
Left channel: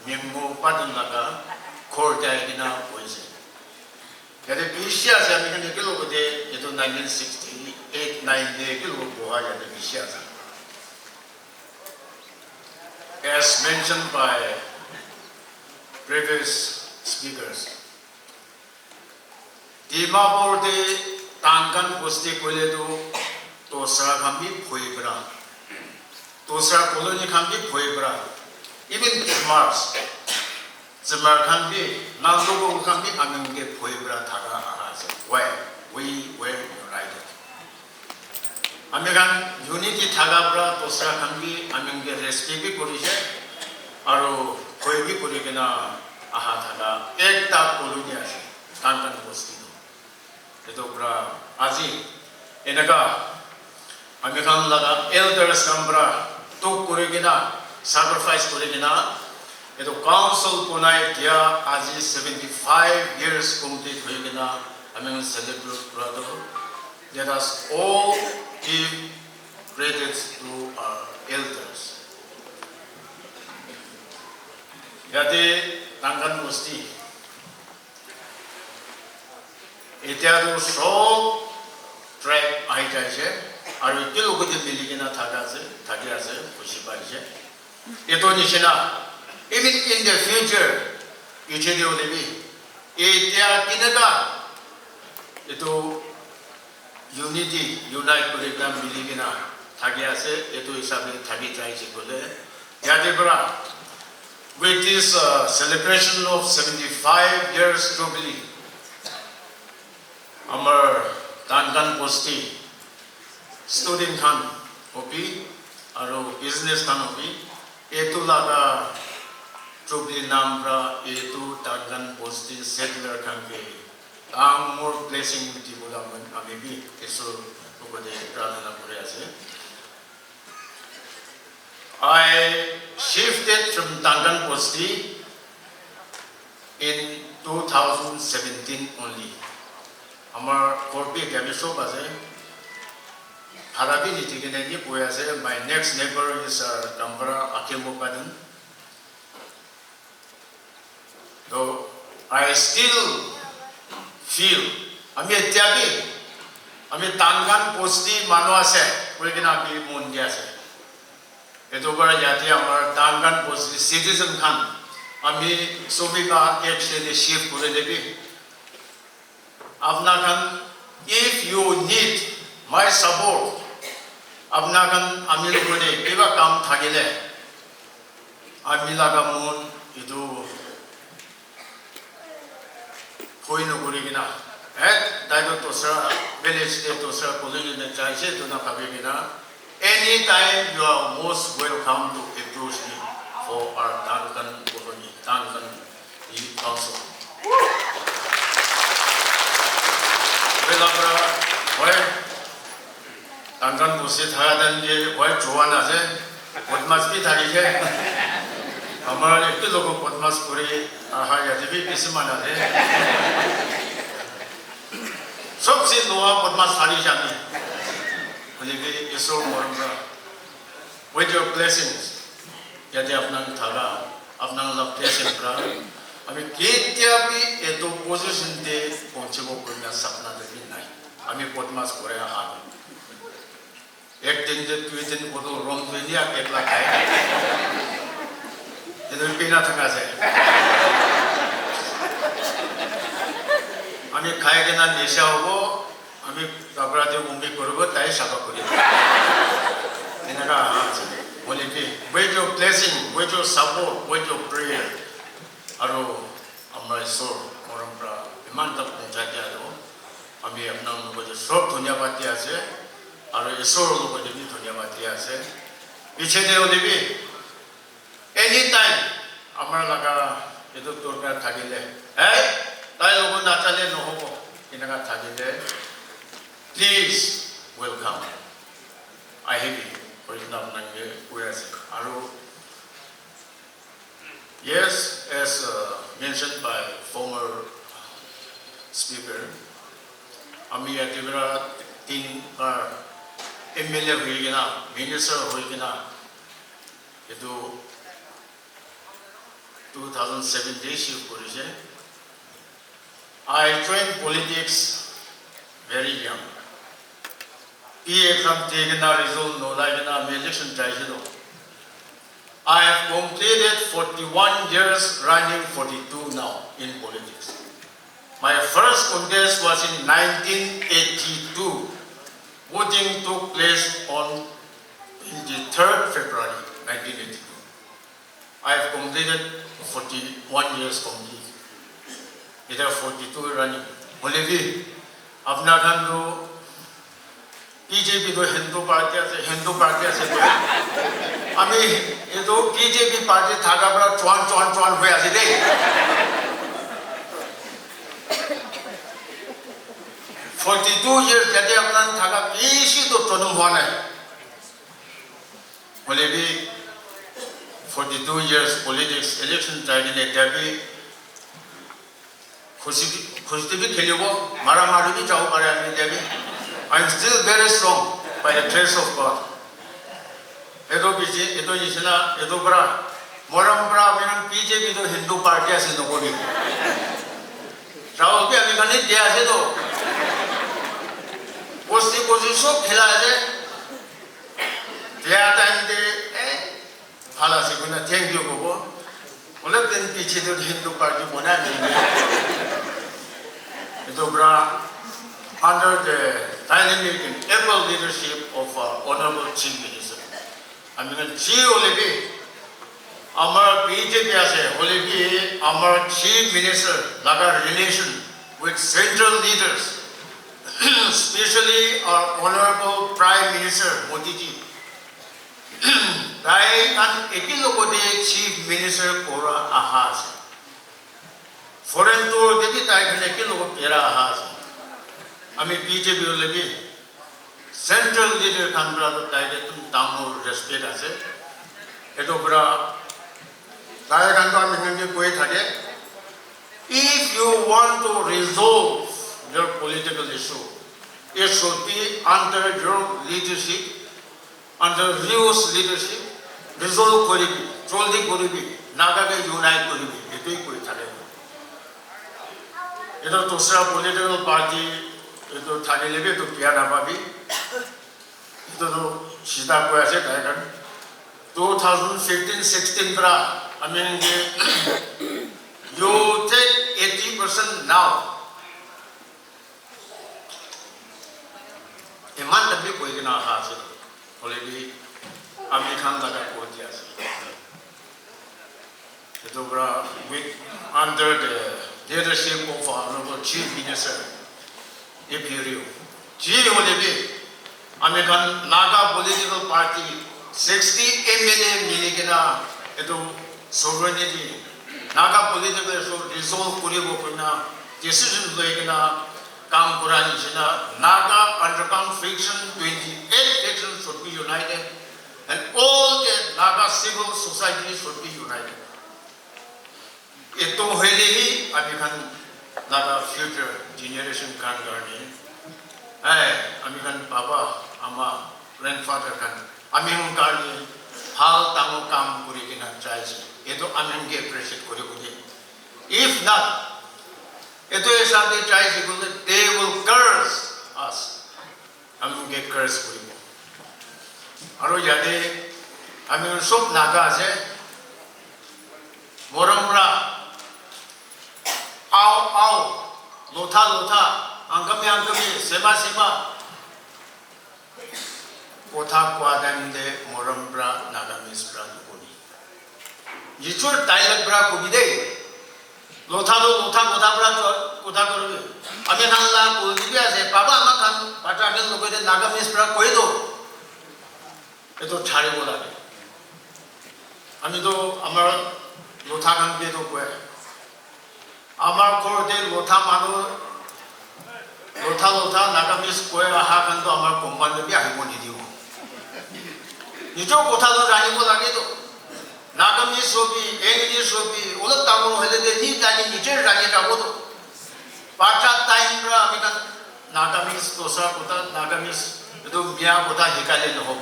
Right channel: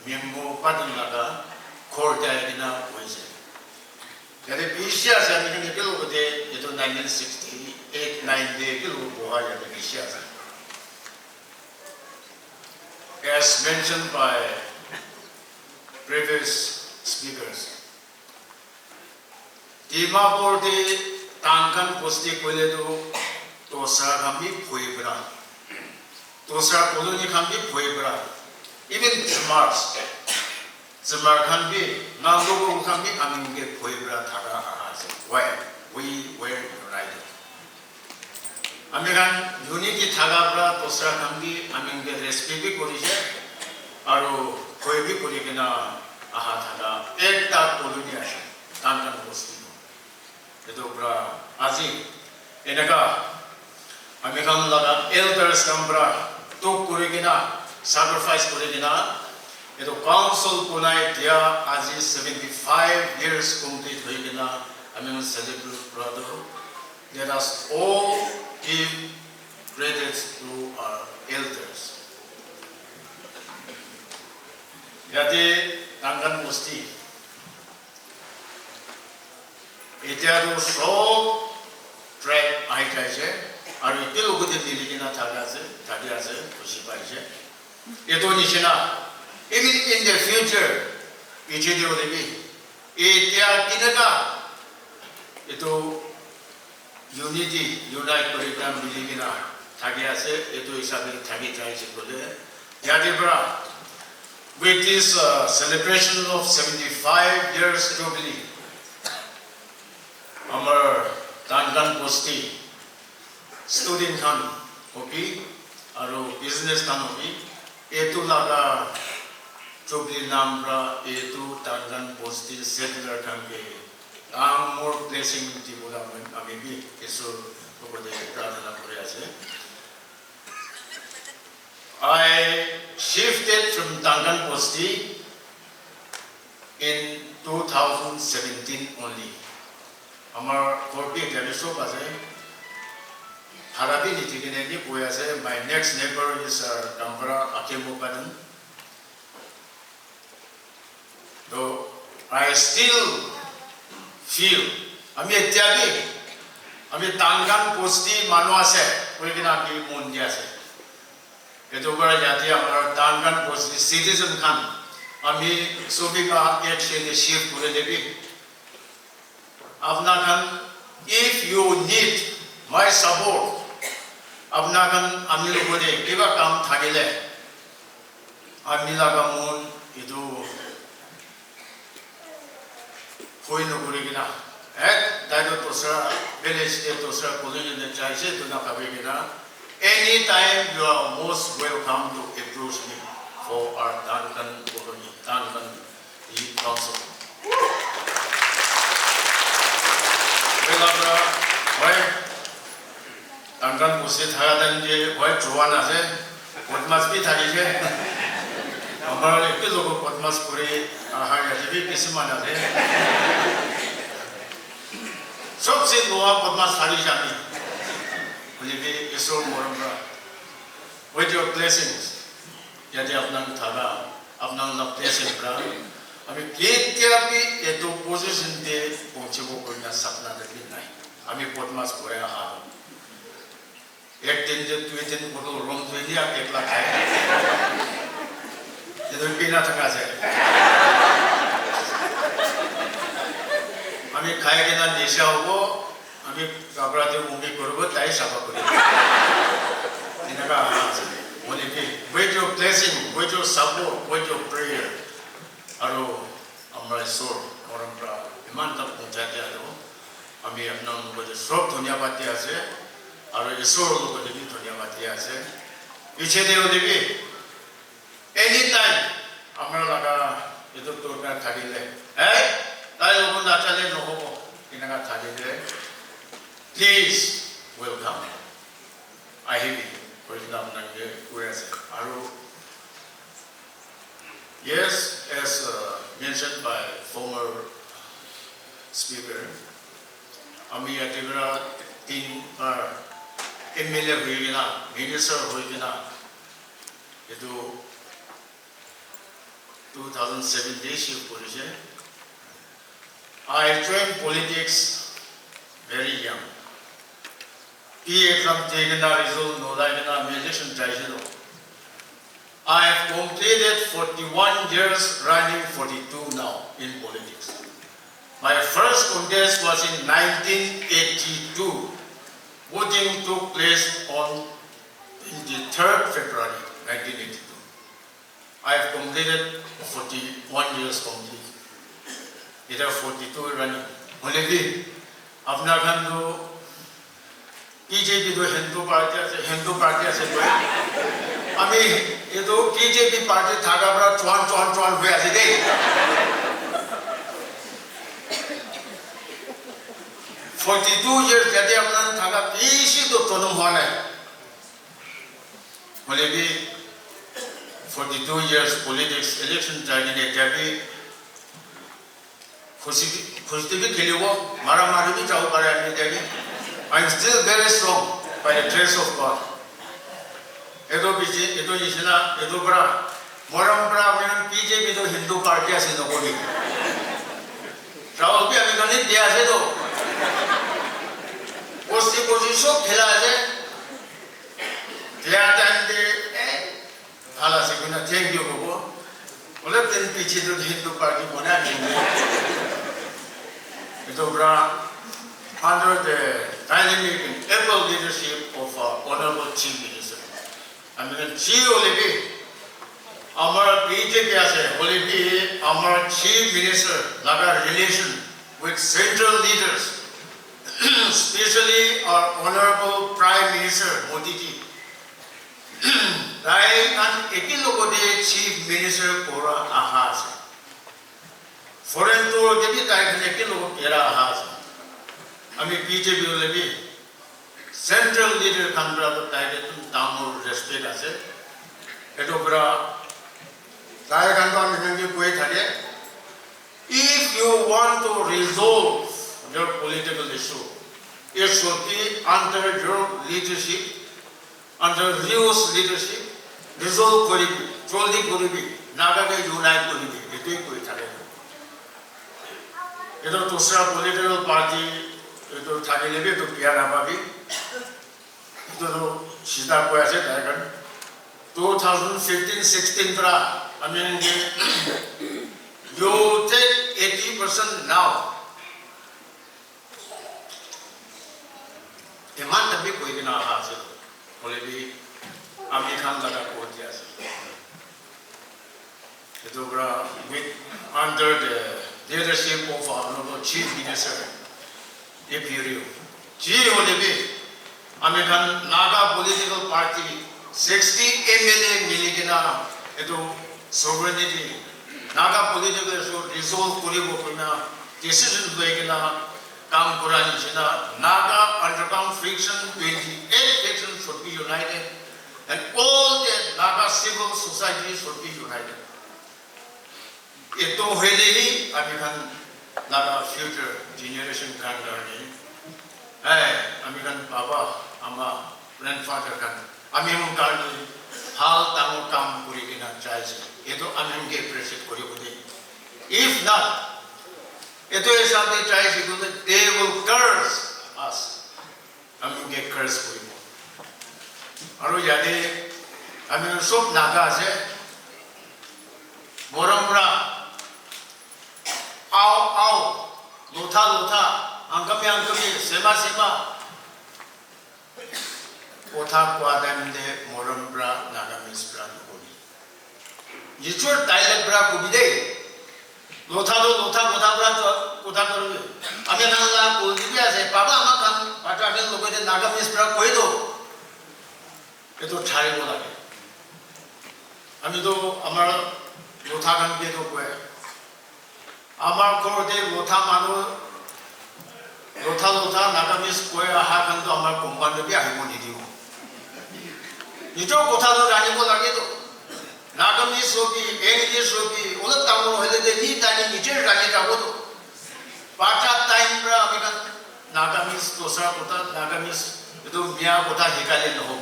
Memo Padin Naga, Kordaina was it. Yet the Bishas and the Kilo Day, it was 1968, 9 Kilo Boy at the Bishas. As mentioned by previous speakers, Dimapur de Tankan Bosti Koledo, Tosa Kambi Puebra, Tosa Koloni Kambi Puebra. Even Mars, Zamar can be, Nago can be, I mean, get Puebla Taga, where we were united. American Unity Tagabra, Tosa can be, I mean, get a speaking Korea, Aro, Puebi Kurigana, Ahataga, Ekta Kolunia, Tantan Bosti, the Dobra, Azi, Enaga, American Lada, Elders Nambra, Tok Kurigina. Sacrifice Kurigina, the council Punai Tia Azi 75 years complete Kurigina, I mean celebrate brother. Let us all give credit to our elders. Yate Tangan Bosti. Itiado so track Aitaje, are you still good in the Ligina Tagase, Toshibaje? Indonesia, even in the future, Ijino Levi, Itia Kinaga, Ito Unity, Unite Program Ligina, Tagiase, Ito Isabel Tagita Chipode, Yadebra, with this celebration of 75 years jubilee, our Tandan Bosti, student Khan, Opi, our business Khan Opi. Etu Naga, Chubli Nambra, Etu Tangan Bosti, secular country. More blessing to Amibi, Esur, over the Pradana Korease. I shifted from Tangan Bosti in 2017 only. Amar 40 Galiso Baze. My next neighbor is Tampara Akilmopadan. Though I still feel, I mean, Tangan Bosti Manuase, we're going to be Mundiase. Etobara Yati Amar Tangan Bosti citizen Khan. I mean, Sobika actually shift to the Levi. Avnakan, if you need my support, Abnagan Amil Gode, Eva Kam Tagile, Amilagamun, Idu Huino Gurigina, Dago Tosa, Village Tosa, Colonial Charge, Dunakabigina. Anytime you are most welcome to approach me for our Duncan Colony, Duncan Council. Tangan Bosti Thagadan je boy Joanna se, what must be Thagi je. আমার একটু লোক বদমাস করে হাগে যদি বেশি মানালে সবচেয়ে লোয়া বদমাস হারি জানি বলে এসো মরমরা with your blessings যাতে আপনার থাকা আপনার ব্লেসিংরা আমি কেতিয়াবি এত পজিশনতে পৌঁছব করিনা স্বপ্না দেখি নাই আমি বদমাস করে আম একদিন যে দুই দিন কোনো রং হইয়া একলা খাই এদের পিনা থাকা আছে আমি খাই কিনা নেশা হব আমি কাপড়াতে মুম্বি করবো তাই সাফা করি এনেকা আছে বলে কি with your blessing with your support with your prayer আৰু আমাৰ ঈশ্বৰ পৰম্পৰা ইমান তাত পঞ্চায়ত আৰু আমি আপোনাৰ লগত সব ধন্যবাদ দি আছে আৰু ঈশ্বৰৰ লগত ধন্যবাদ দি আছে পিছতে দিবি এনি টাইম আমাৰ লগা এইটো দৰকাৰ থাকিলে তাই লগত নাচালে নহ'ব এনেকুৱা থাকিলে প্লিজ ৱেলকাম আহিবি পৰিণাম আপোনালোকে কৈ আছে আৰু yes as mentioned by former speaker আমি একেবাৰে তিনবাৰ MLA হৈ কিনা মিনিষ্টাৰ হৈ কিনা এইটো 2017 শিফ্ট কৰিছে I joined politics very young. From taking a result, no like in our election tribunal. I have completed 41 years, running 42 now in politics. My first contest was in 1982. Voting took place on 23rd February 1982. I have completed 41 years complete. It is 42 running. Only अपना खान तो BJP तो Hindu party से अमी ये तो BJP party थाका बड़ा चौन हुए आज दे 42 years जैसे अपना थाका इसी तो चुनाव हुआ है बोले भी 42 years politics election training एकटाबी खुशी भी खेली वो मारा मारी भी चाहो करे आने देगी I'm still very strong by the grace of God. Edo BJ edo जिसना edo बड़ा मोरम बड़ा अपने बीजे भी तो हिंदू पार्टी ऐसे तो कोई चाहो भी अभी कहीं दिया है तो उसी सब खिला है दिया टाइम दे हाला से कोई ना थैंक यू को बोले दिन पीछे जो हिंदू पार्टी बना देंगे itu under the dynamic and able leadership of Honorable Chief Minister. I mean, Chief Olivi, our BJP as a Olivi, our Chief Minister, Naga relation with central leaders, especially our Honorable Prime Minister Modi ji. Dai an ekilogode Chief Minister Pura ahas. Foreign tour देवी तारीख लेके लोग तेरा आहाज हमें BJP वाले भी central leader Kangra तो तारीख तुम तामो रेस्पेक्ट आसे ये तो बड़ा तारीख कांग्रा में कहीं कोई था क्या if you want to resolve your political issue it should be under your leadership under Rios leadership resolve करेगी जल्दी करेगी नागा के यूनाइट करेगी ये भी कोई था ये तो दूसरा पॉलिटिकल पार्टी ये तो थाने लेके तो प्यारा बाबी तो सीधा को ऐसे कहेगा 2015-16 तरा I mean you take 80% now इमान तभी कोई दिन आहा से ऑलरेडी अमेरिकन लगा को दिया से ये तो बड़ा under the leadership of Honorable Chief Minister, Imperial. Chief Olivi, American Naga political party, 60 MLA Miligina, eto sovereignty, Naga political resolve Kuribo Pina, decision Begina, Kam Kurani Jina, Naga underground friction, 28 factions should be united, and all the Naga civil society should be united. itu heli kami kan Naga future generation kan kami, kami kan bapa, ama, grandfather kan, kami kami hal tamu kam kuri kena cai itu kami ke appreciate kuri kuri. If not, itu esati cai kuri they will curse us. Kami ke curse kuri. Aru jadi kami sok Naga se, borang Au, lota, angkami, sema, kota kuadan de moram bra nagamis bra kuni. Yichur dialect bra kuni de, lota bra kota kuru. Ami nangla kuni biasa se, baba makan, pada ada logo de nagamis bra koi do. Itu cari bola. Ami do amar lota kan de do koi. Amar korde lota manu lota nagamis koi aha kan to amar kumpan de biahi mo diu. Nijo kota lo rani mo lagi to. Nagamis sobi, eni sobi, ulat tamu hele de ni tani nije rani ka bo to. Pacha time ra ami kan nagamis tosa kota nagamis itu bia kota hikale no ho.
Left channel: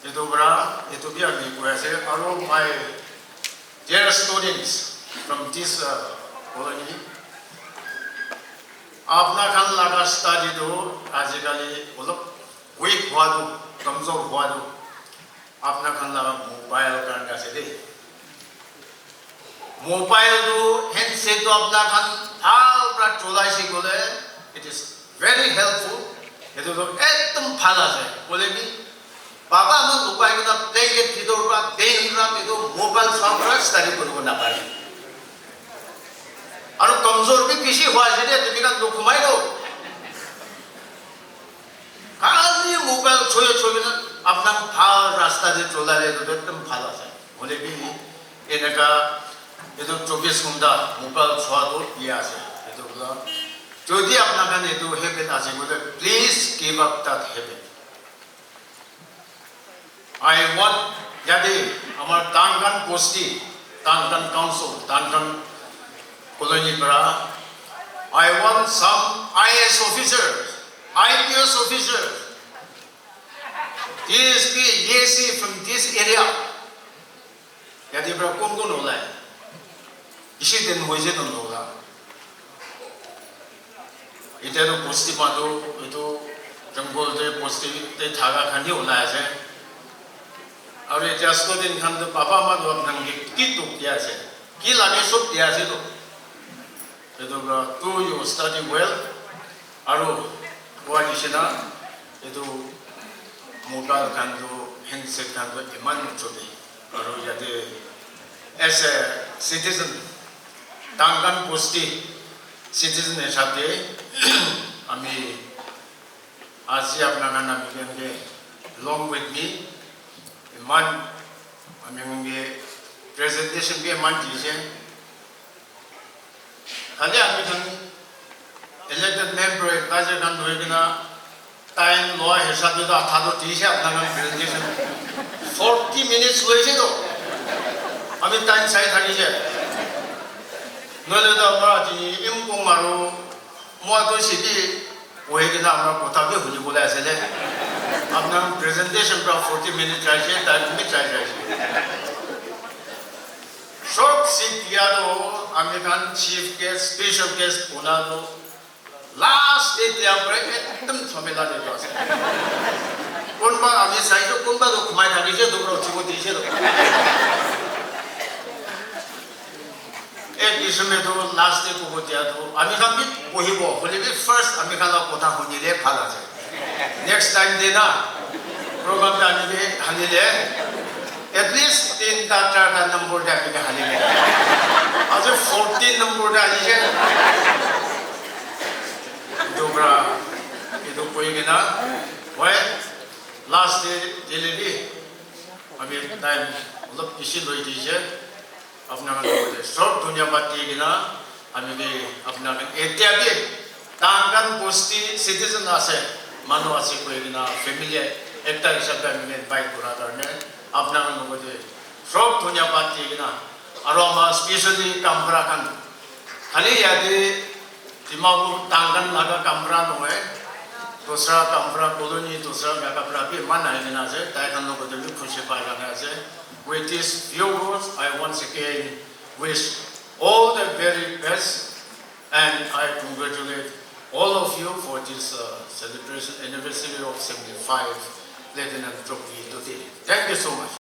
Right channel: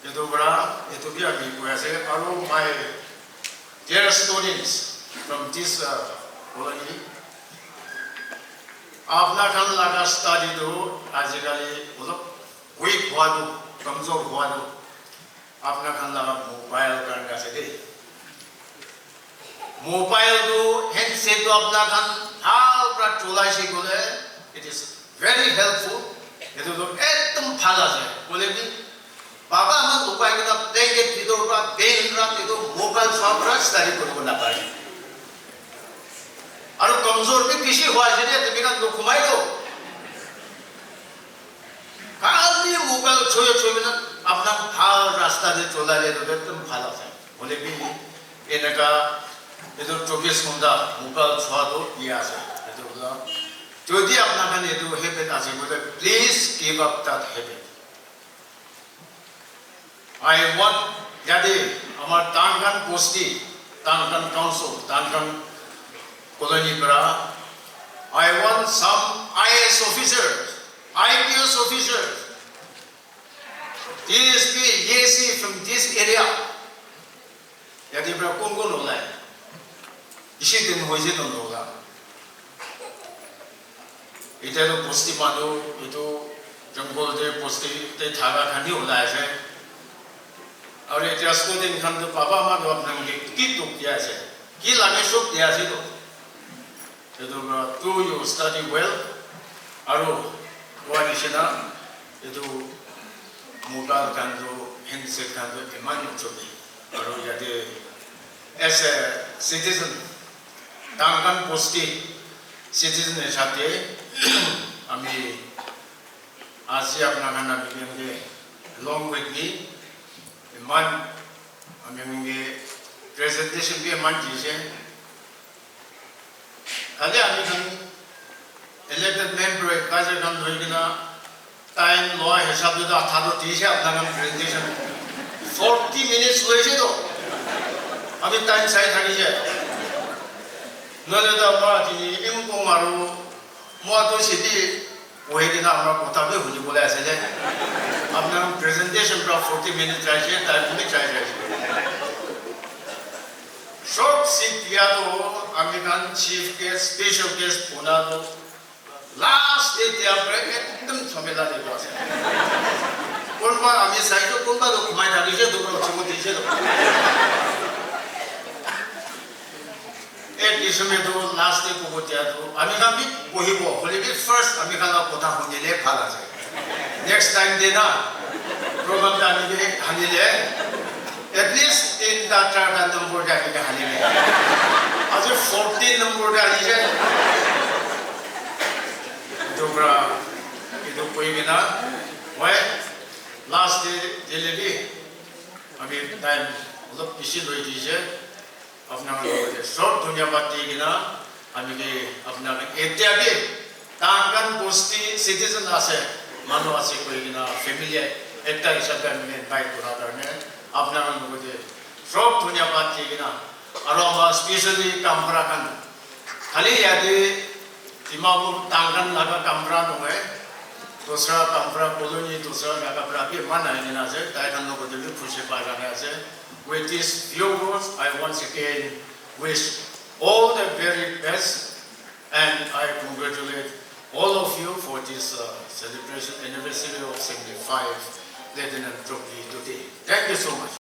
Itu bra itu bia mi koi se alo my dear students from this colony. आपना खान लगा study दो आजकल मतलब weak हुआ दो कमजोर हुआ दो आपना खान लगा mobile करने से दे mobile दो handset दो आपना खान हाल पर चोलाई से बोले it is very helpful ये तो एकदम फाला है बोले भी बाबा हम mobile का देंगे तीदो का पेन का तीदो mobile सॉफ्टवेयर study करो ना पाए और कमजोर भी किसी हुआ जिन्हें तो बिना दुख माय दो खाली मोबाइल छोए ना अपना फाल रास्ता दे चोला ले तो एकदम फाला है बोले भी ये नका ये तो 24 घंटा मोबाइल छुआ दो ये आसे ये तो बोला जो भी अपना kan ये तो हैबिट आसे बोले please give up that habit. I want jadi हमार Duncan Bosti, Duncan Council, Duncan Colony Bra. I want some IS officers, IPS officers, ESP, ESC from this area. Yadi Bra kung kung nolai. Isi din mo isi nung nola. Ito yung Bosti mado, ito jungle de Bosti de thaga khani hona hai. और ये just दिन हम तो पापा माँ तो अपना की तो किया है की लाने सब किया है तो तू यू स्टडी वेल और वो निशना ये तो मोबाइल kan तो handset kan तो इमान चोटी और ये as a citizen Duncan Bosti citizen है शायद हमें आज ये अपना गाना मिलेंगे along with me man amenge presentation ke man dije ade ami kan elected member kaje nam hoigina time law hisab de athado dije apna presentation 40 minutes hoye to ami time sai thaki je nole da ma ji imkong maru mo to sidi hoigina amra kotha be huli bola asele अपना presentation का 40 minutes चाहिए time में चाहिए short seat दिया तो American chief के special guest बोला तो लास्ट डे दिया पर एकदम झमेला दे पास कौन बार आगे साइड तो कौन बार तो कुमार जाने से दूर हो चुके दीजिए तो एक विषय में तो लास्ट डे को दिया तो अमेरिकन भी वही वो बोले कि फर्स्ट अमेरिकन का कोटा होने ले खाला से next time देना program जाने के हानि ले at least 3 डाटा का नंबर जाने के हानि ले आज 14 नंबर जाने के दोबरा itu कोई भी ना वह last day जेले भी अभी time मतलब इसी लोग दीजिए अपना शॉर्ट दुनिया बात ये ना अभी भी अपना एतिया भी Duncan Bosti citizen आसे मानो आसे कोई ना फैमिली एक तरह से अपना में बाइक बुला करने अपना लोगों के शॉप दुनिया बात ये ना aroma especially kambrakan. Hali yadi timamu tangan naga kambra nungai, dosra kambra koloni dosra naga kambra mana ini nase, taikan nuko dulu khusyuk pada nase. With these few words, I once again wish all the very best, and I congratulate all of you for this celebration anniversary of 75 Lieutenant Trophy today. Thank you so much.